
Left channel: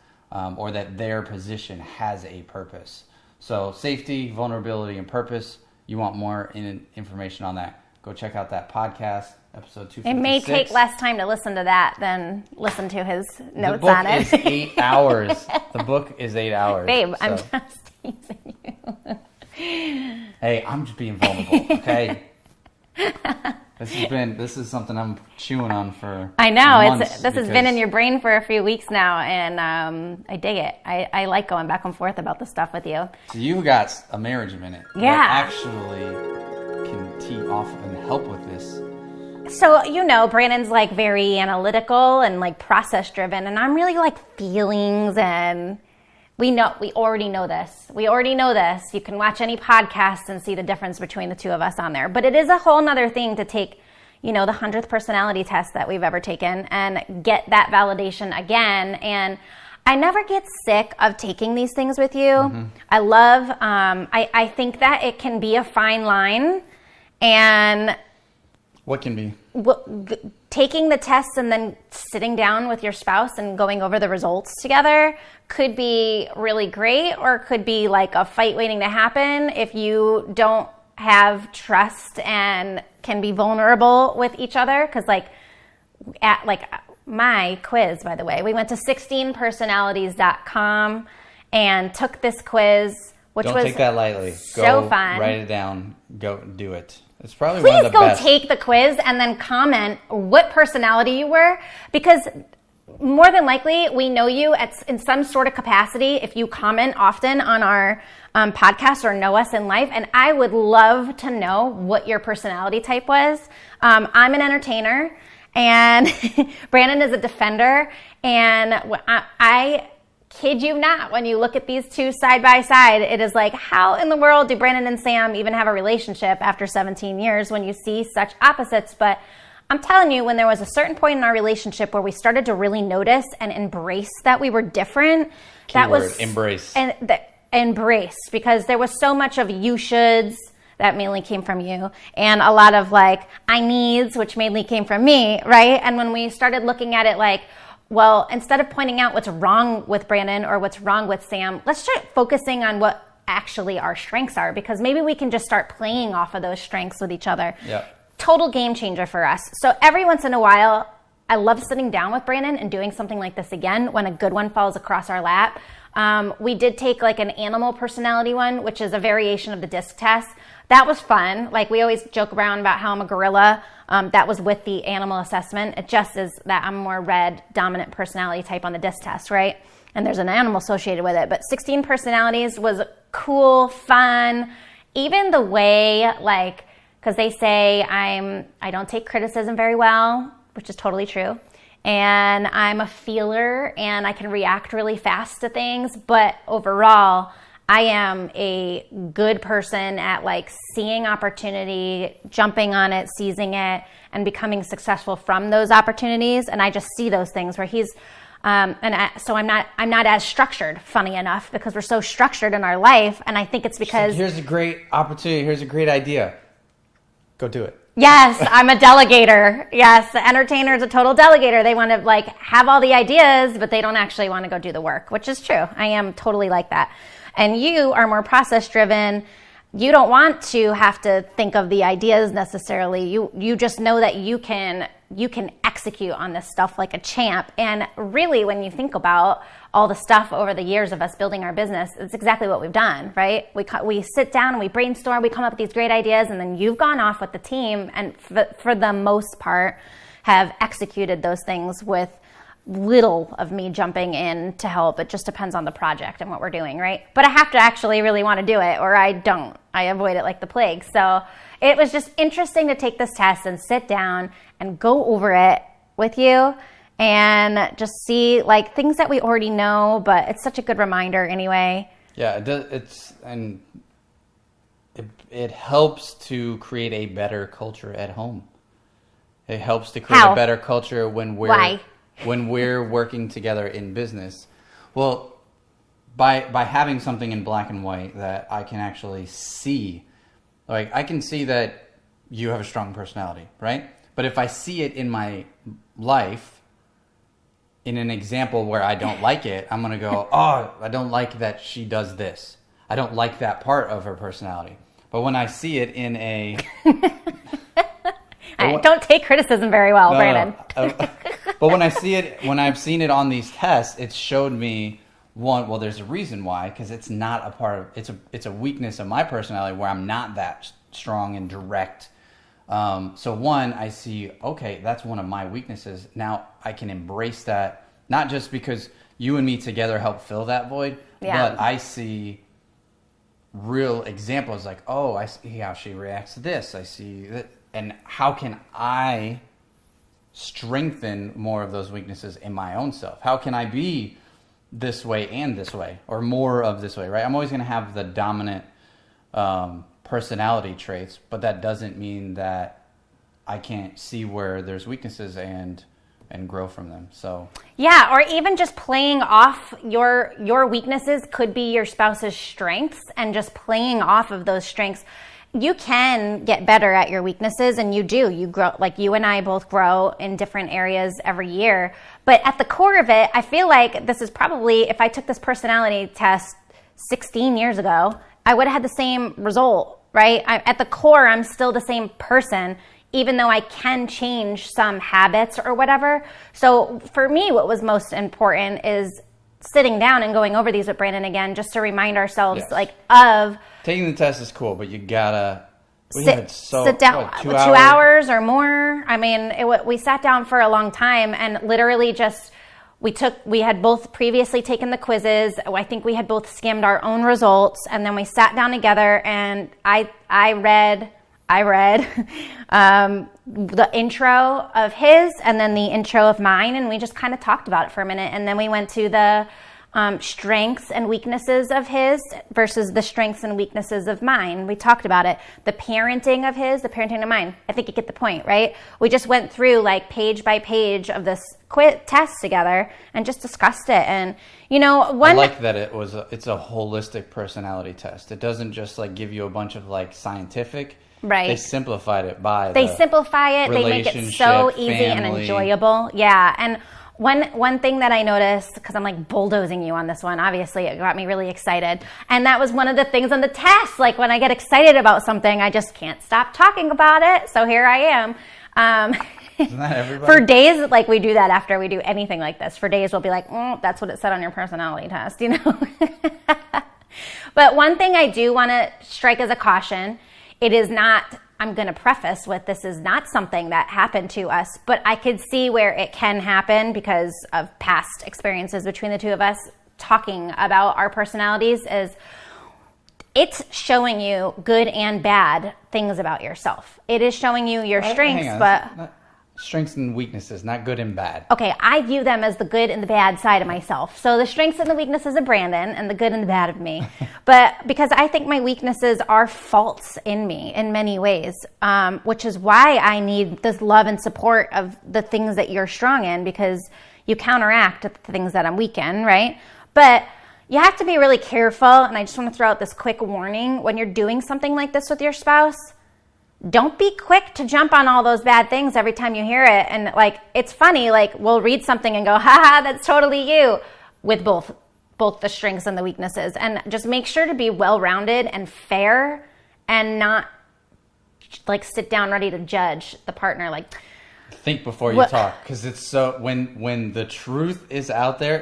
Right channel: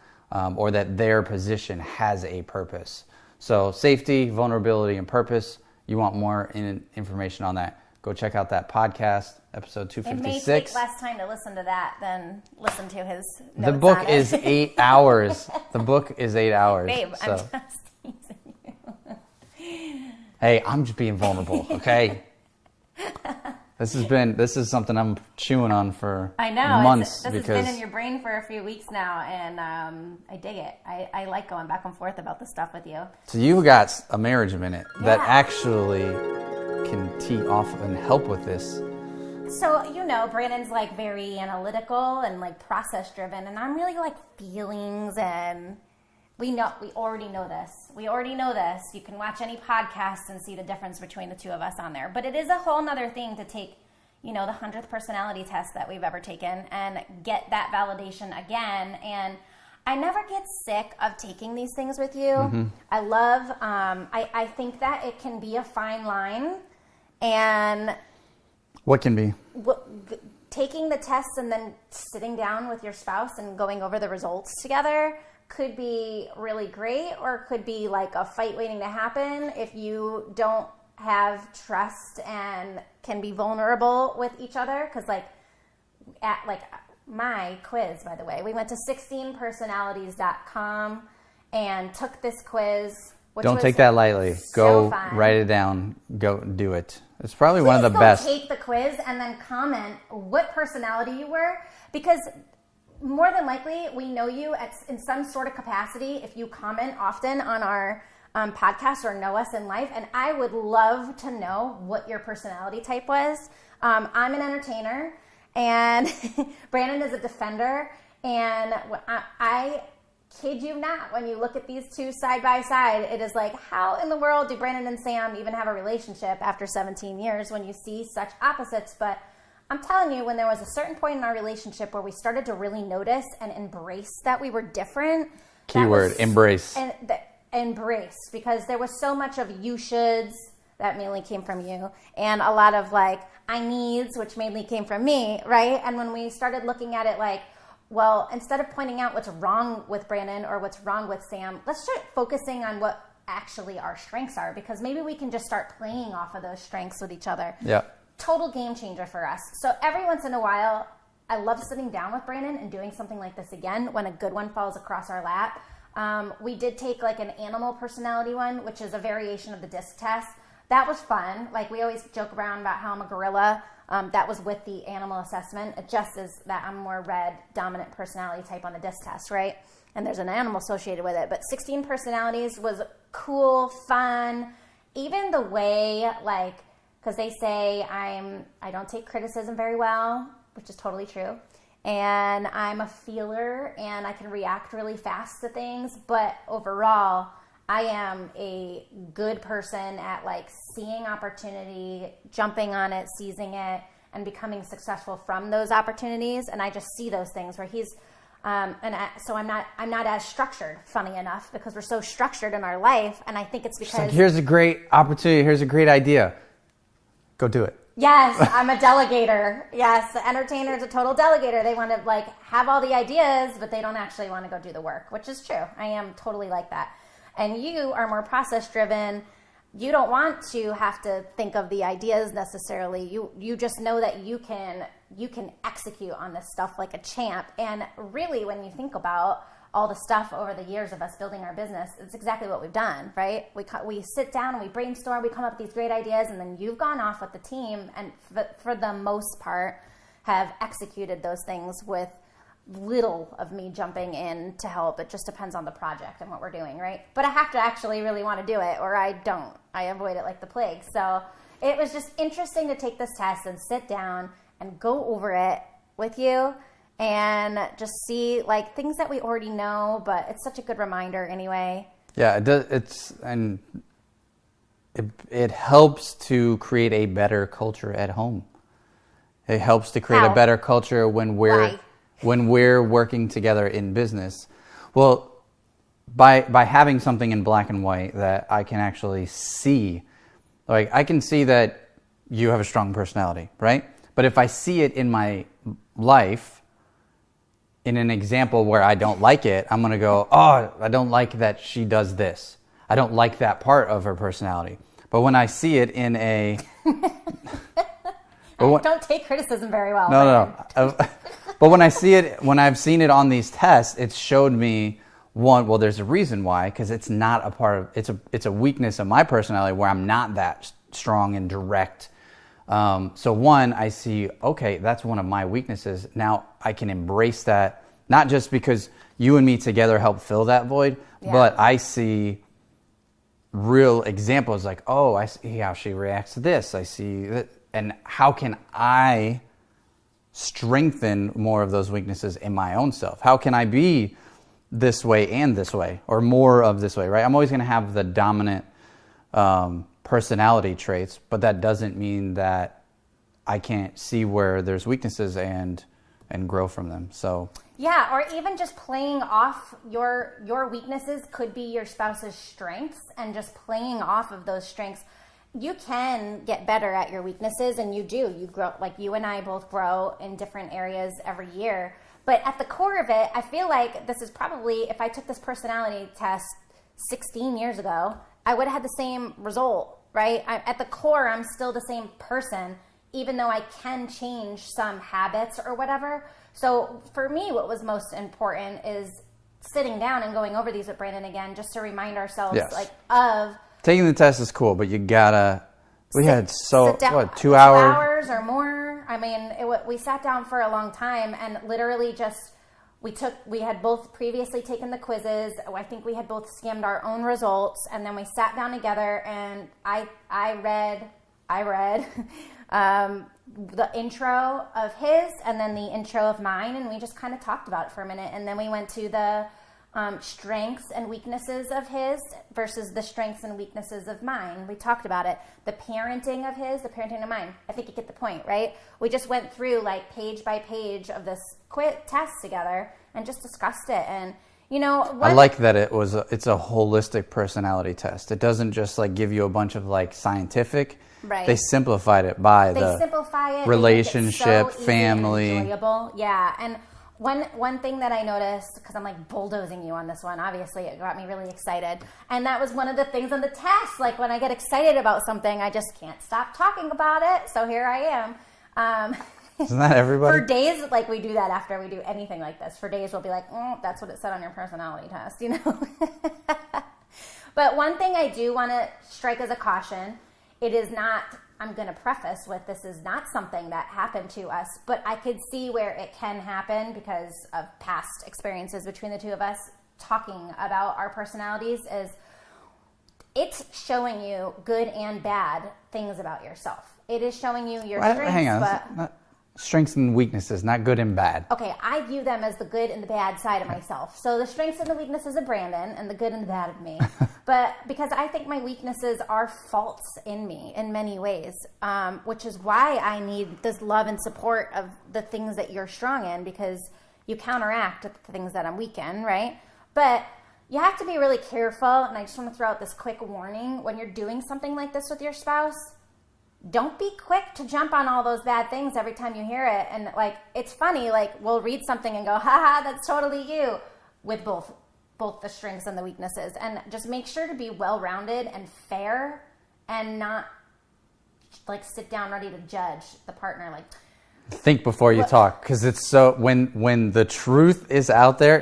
or that their position has a purpose. So safety, vulnerability, and purpose. You want more information on that, go check out that podcast, episode 256. It may take less time to listen to that than listen to his notes on it. The book is 8 hours. The book is 8 hours. Babe, so. I'm just teasing you. Hey, I'm just being vulnerable, okay? This is something I'm chewing on for months. This has been in your brain for a few weeks now, and I dig it. I like going back and forth about this stuff with you. So you got a marriage minute that actually can tee off and help with this. So, Brandon's like very analytical and like process driven, and I'm really like feelings, and we already know this. You can watch any podcast and see the difference between the two of us on there. But it is a whole nother thing to take, the 100th personality test that we've ever taken and get that validation again. And I never get sick of taking these things with you. Mm-hmm. I love, I think that it can be a fine line. And what can be? Taking the tests and then sitting down with your spouse and going over the results together could be really great, or could be like a fight waiting to happen if you don't have trust and can be vulnerable with each other. Because my quiz, by the way, we went to 16personalities.com and took this quiz, which don't was take that lightly. So fun. Write it down. Go do it. It's probably one of the best. Please go take the quiz and then comment what personality you were, because more than likely we know you in some sort of capacity if you comment often on our podcast or know us in life. And I would love to know what your personality type was. I'm an entertainer, and Brandon is a defender. And I kid you not, when you look at these two side by side, it is like, how in the world do Brandon and Sam even have a relationship after 17 years when you see such opposites? But I'm telling you, when there was a certain point in our relationship where we started to really notice and embrace that we were different. Keyword, embrace. And embrace, because there was so much of you shoulds that mainly came from you, and a lot of like I needs, which mainly came from me, right? And when we started looking at it like, well, instead of pointing out what's wrong with Brandon or what's wrong with Sam, let's start focusing on what actually our strengths are, because maybe we can just start playing off of those strengths with each other. Yeah. Total game changer for us. So every once in a while, I love sitting down with Brandon and doing something like this again when a good one falls across our lap. We did take like an animal personality one, which is a variation of the DISC test. That was fun. Like, we always joke around about how I'm a gorilla. That was with the animal assessment. It just is that I'm more red dominant personality type on the DISC test, right? And there's an animal associated with it. But 16 personalities was cool, fun. Even the way, like, because they say I don't take criticism very well, which is totally true. And I'm a feeler and I can react really fast to things. But overall, I am a good person at like seeing opportunity, jumping on it, seizing it, and becoming successful from those opportunities. And I just see those things where he's, so I'm not as structured, funny enough, because we're so structured in our life. And I think it's because here's a great opportunity. Here's a great idea. Go do it. Yes, I'm a delegator. Yes, the entertainer is a total delegator. They want to like have all the ideas, but they don't actually want to go do the work, which is true. I am totally like that. And you are more process driven. You don't want to have to think of the ideas necessarily. You just know that you can execute on this stuff like a champ. And really, when you think about all the stuff over the years of us building our business, it's exactly what we've done, right? We sit down and we brainstorm, we come up with these great ideas, and then you've gone off with the team and for the most part have executed those things with little of me jumping in to help. It just depends on the project and what we're doing, right? But I have to actually really want to do it, or I don't. I avoid it like the plague. So it was just interesting to take this test and sit down and go over it with you and just see like things that we already know, but it's such a good reminder anyway. Yeah, it does. It helps to create a better culture at home. It helps to create a better culture when we're working together in business. Well, by having something in black and white that I can actually see, like I can see that you have a strong personality, right? But if I see it in my life, in an example where I don't like it, I'm going to go, oh, I don't like that she does this. I don't like that part of her personality. But when I see it in a... I don't take criticism very well, Brandon. No. But when I've seen it on these tests, it's showed me, one, well, there's a reason why, because it's not a part of, it's a weakness of my personality where I'm not that strong and direct. So one, I see, okay, that's one of my weaknesses. Now I can embrace that, not just because you and me together help fill that void, but I see real examples like, oh, I see how she reacts to this. I see that. And how can I strengthen more of those weaknesses in my own self? How can I be this way and this way, or more of this way, right? I'm always going to have the dominant personality traits, but that doesn't mean that I can't see where there's weaknesses and grow from them. So yeah, or even just playing off your weaknesses could be your spouse's strengths, and just playing off of those strengths. You can get better at your weaknesses, and you grow. Like you and I both grow in different areas every year, but at the core of it, I feel like this is probably, if I took this personality test 16 years ago, I would have had the same result, right? At the core, I'm still the same person, even though I can change some habits or whatever. So for me, what was most important is sitting down and going over these with Brandon again, just to remind ourselves, of taking the test is cool, but you gotta. Sit down, what, 2 hours or more. I mean, we sat down for a long time, and literally just we had both previously taken the quizzes. I think we had both skimmed our own results, and then we sat down together, and I read the intro of his and then the intro of mine, and we just kind of talked about it for a minute, and then we went to the strengths and weaknesses of his versus the strengths and weaknesses of mine. We talked about it. The parenting of his, the parenting of mine. I think you get the point, right? We just went through like page by page of this test together and just discussed it. And I like that it's a holistic personality test. It doesn't just like give you a bunch of like scientific. Right. They simplified it by They make it so easy family. And enjoyable. Yeah. And one thing that I noticed, because I'm like bulldozing you on this one, obviously it got me really excited. And that was one of the things on the test. Like when I get excited about something, I just can't stop talking about it. So here I am. Isn't that everybody? For days, like we do that after we do anything like this. For days we'll be like, that's what it said on your personality test, But one thing I do want to strike as a caution, it is not, I'm going to preface with, this is not something that happened to us, but I could see where it can happen because of past experiences between the two of us talking about our personalities. Is it's showing you good and bad things about yourself. It is showing you your strengths, but strengths and weaknesses, not good and bad. Okay, I view them as the good and the bad side of myself. So the strengths and the weaknesses of Brandon and the good and the bad of me. But because I think my weaknesses are faults in me in many ways, which is why I need this love and support of the things that you're strong in, because you counteract the things that I'm weak in, right? But you have to be really careful, and I just want to throw out this quick warning. When you're doing something like this with your spouse, don't be quick to jump on all those bad things every time you hear it. And like, it's funny, like we'll read something and go, haha, that's totally you, with both the strengths and the weaknesses. And just make sure to be well-rounded and fair, and not like sit down ready to judge the partner. Like, think before you talk, because it's so, when the truth is out there,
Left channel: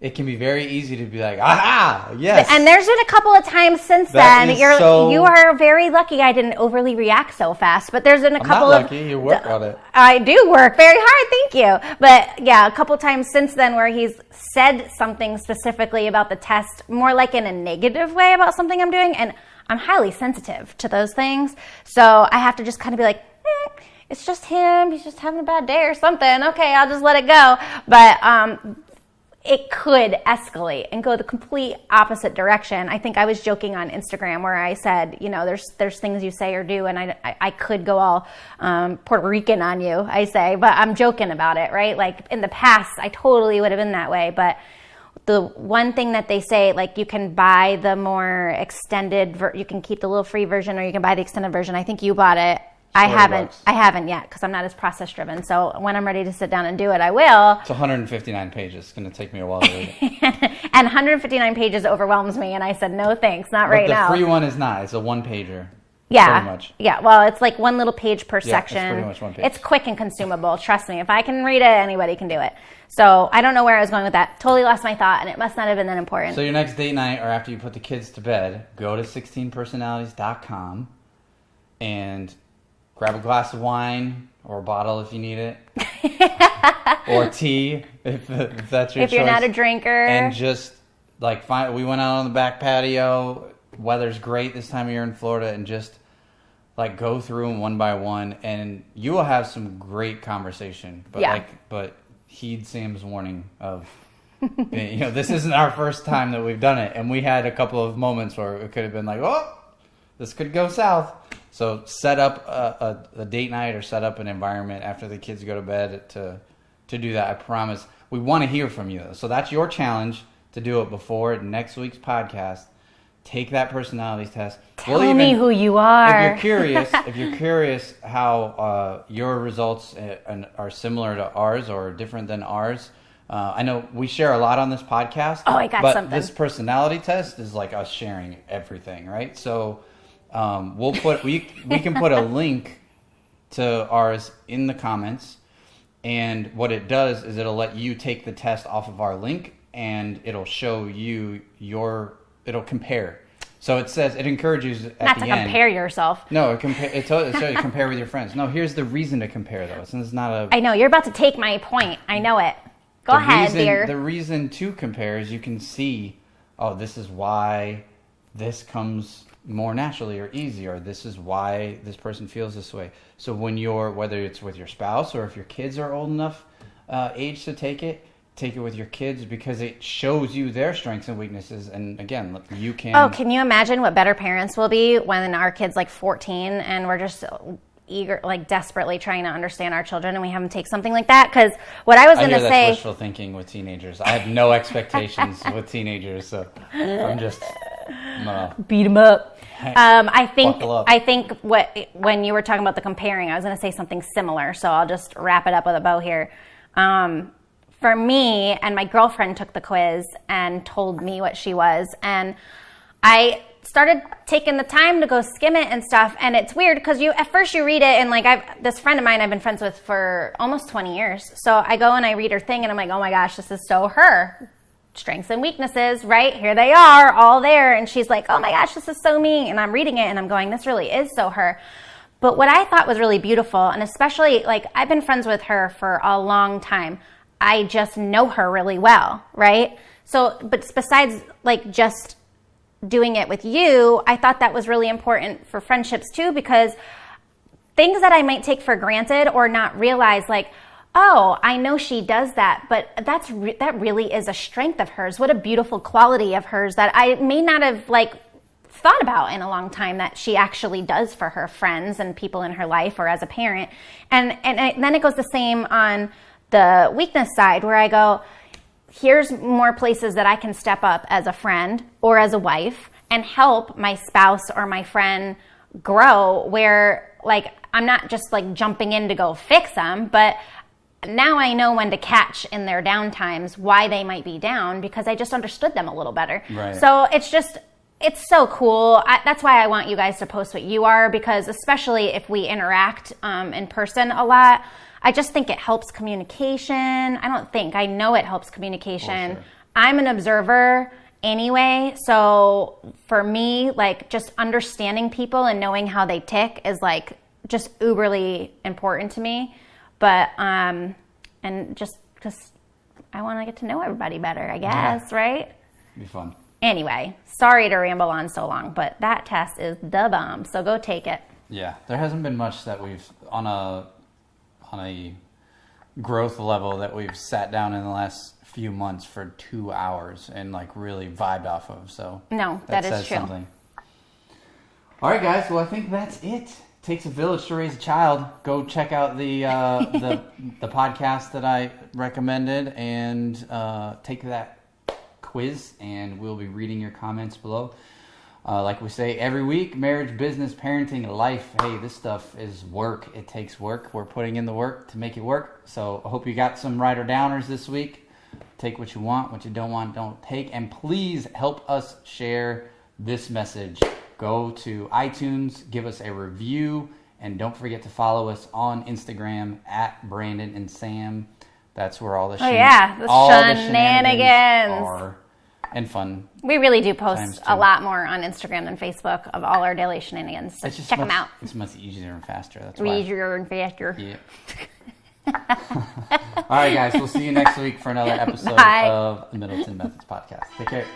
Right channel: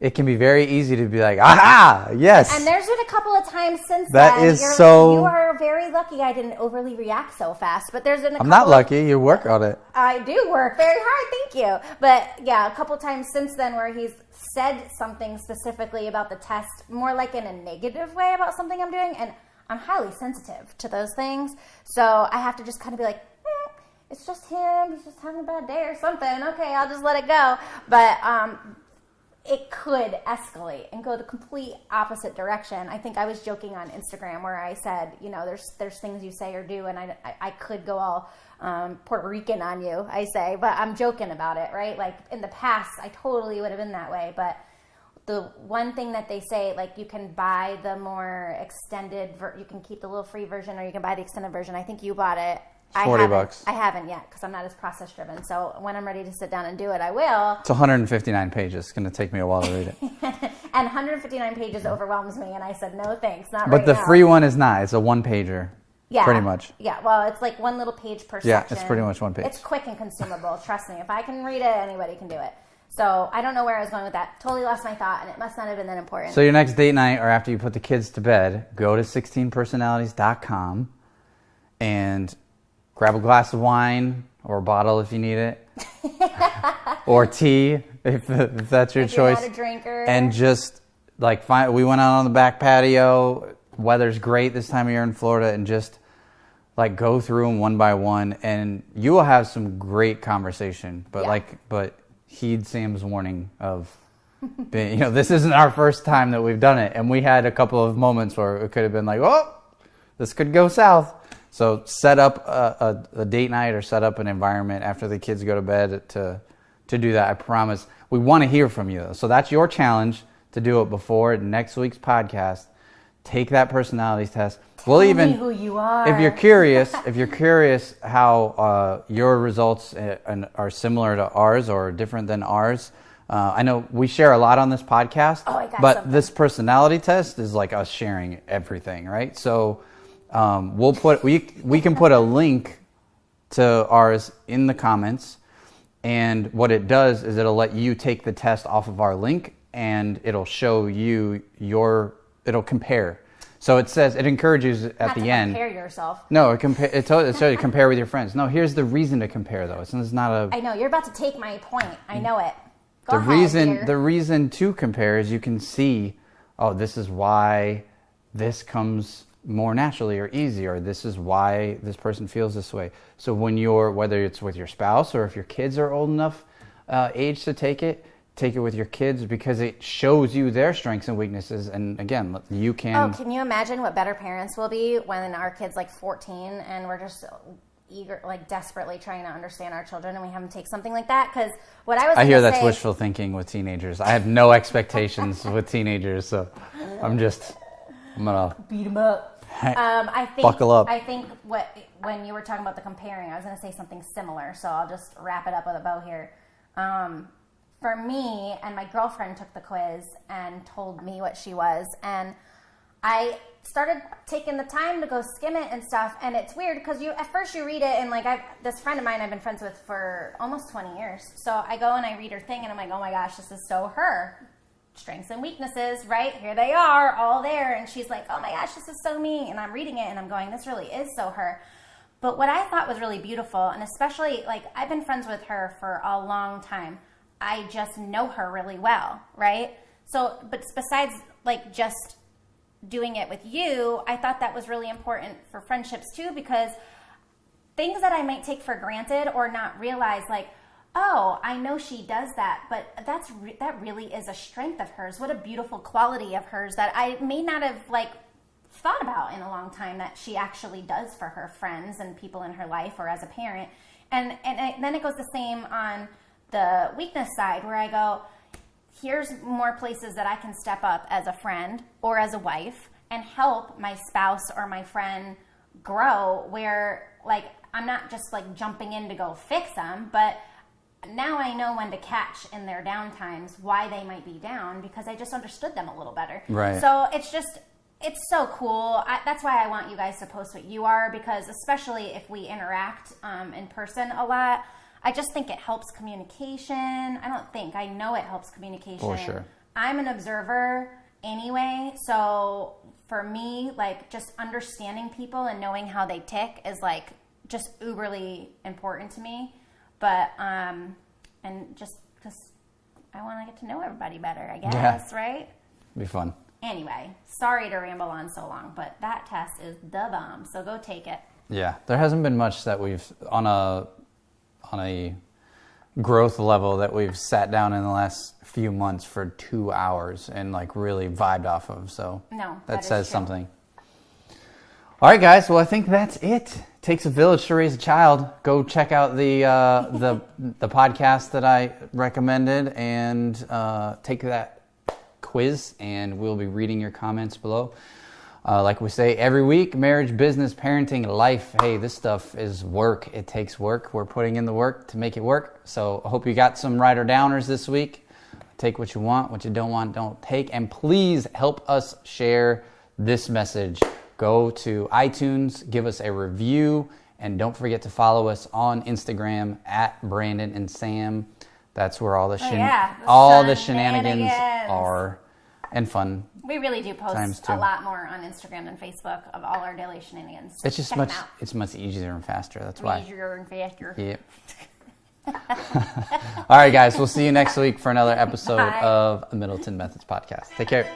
it can be very easy to be like, aha, yes. And there's been a couple of times since then. You are very lucky I didn't overly react so fast. But there's been a couple I'm not lucky. You work on it. I do work very hard. Thank you. But yeah, a couple of times since then where he's said something specifically about the test, more like in a negative way about something I'm doing. And I'm highly sensitive to those things. So I have to just kind of be like, it's just him. He's just having a bad day or something. Okay, I'll just let it go. But it could escalate and go the complete opposite direction. I think I was joking on Instagram where I said, there's things you say or do, and I could go all Puerto Rican on you, I say, but I'm joking about it, right? Like in the past, I totally would have been that way. But the one thing that they say, like you can buy the more extended, you can keep the little free version, or you can buy the extended version. I think you bought it. I haven't yet, because I'm not as process driven. So when I'm ready to sit down and do it, I will. It's 159 pages. It's going to take me a while to read it. And 159 pages overwhelms me. And I said, no, thanks. Not right now. But the free one is not. It's a one-pager. Yeah. Pretty much. Yeah. Well, it's like one little page per section. It's pretty much one page. It's quick and consumable. Trust me. If I can read it, anybody can do it. So I don't know where I was going with that. Totally lost my thought, and it must not have been that important. So your next date night, or after you put the kids to bed, go to 16personalities.com and grab a glass of wine, or a bottle if you need it, or tea if that's your choice. If you're not a drinker. And just like we went out on the back patio. Weather's great this time of year in Florida, and just like go through them one by one, and you will have some great conversation. But heed Sam's warning of, this isn't our first time that we've done it, and we had a couple of moments where it could have been like, oh, this could go south. So set up a date night or set up an environment after the kids go to bed to do that. I promise. We want to hear from you, though. So that's your challenge, to do it before next week's podcast. Take that personality test. Tell me who you are. If you're curious how your results are similar to ours or different than ours, I know we share a lot on this podcast. Oh, I got but something. This personality test is like us sharing everything, right? So we can put a link to ours in the comments, and what it does is it'll let you take the test off of our link, and it'll show you it'll compare. So it says, it encourages at Not the to end. compare yourself. No, it says to compare with your friends. No, here's the reason to compare, though. It's not a... I know, you're about to take my point. I know it. Go ahead, dear. The reason to compare is you can see, oh, this is why this comes more naturally or easy, or this is why this person feels this way. So when whether it's with your spouse or if your kids are old enough age to take it with your kids, because it shows you their strengths and weaknesses. And again, you can... Oh, can you imagine what better parents will be when our kid's like 14 and we're just eager, like desperately trying to understand our children, and we have them take something like that? Because what I was going to say... I hear that's wishful thinking with teenagers. I have no expectations with teenagers, so I'm gonna beat them up. Buckle up. I think when you were talking about the comparing, I was going to say something similar, so I'll just wrap it up with a bow here. For me, and my girlfriend took the quiz and told me what she was, and I started taking the time to go skim it and stuff, and it's weird because at first you read it, and like this friend of mine I've been friends with for almost 20 years, so I go and I read her thing, and I'm like, oh my gosh, this is so her. Strengths and weaknesses, right? Here they are, all there, and she's like, oh my gosh, this is so me, and I'm reading it, and I'm going, this really is so her. But what I thought was really beautiful, and especially, like, I've been friends with her for a long time. I just know her really well, right? So, but besides, like, just doing it with you, I thought that was really important for friendships, too, because things that I might take for granted or not realize, like, oh, I know she does that, but that really is a strength of hers. What a beautiful quality of hers that I may not have, like, thought about in a long time that she actually does for her friends and people in her life or as a parent. And then it goes the same on the weakness side, where I go, here's more places that I can step up as a friend or as a wife and help my spouse or my friend grow, where, like, I'm not just like jumping in to go fix them, but now I know when to catch in their down times why they might be down, because I just understood them a little better. Right. So it's so cool. That's why I want you guys to post what you are, because especially if we interact in person a lot, I just think it helps communication. I know it helps communication. For sure. I'm an observer anyway, so for me, like, just understanding people and knowing how they tick is like just uberly important to me. But and just because I want to get to know everybody better, I guess, right? It'd be fun. Anyway, sorry to ramble on so long, but that test is the bomb, so go take it. Yeah, there hasn't been much that we've on a growth level that we've sat down in the last few months for 2 hours and like really vibed off of. So no, that is says true. Something. All right, guys. Well, I think that's it. Takes a village to raise a child. Go check out the podcast that I recommended and take that quiz, and we'll be reading your comments below. Like we say every week, marriage, business, parenting, life. Hey, this stuff is work. It takes work. We're putting in the work to make it work. So I hope you got some rider downers this week. Take what you want, what you don't want, don't take. And please help us share this message. Go to iTunes, give us a review, and don't forget to follow us on Instagram at Brandon and Sam. That's where all the shenanigans are. And fun. We really do post a lot more on Instagram than Facebook of all our daily shenanigans. So check them out. It's much easier and faster. That's why. Easier and faster. Yeah. All right, guys. We'll see you next week for another episode of the Middleton Methods podcast. Take care.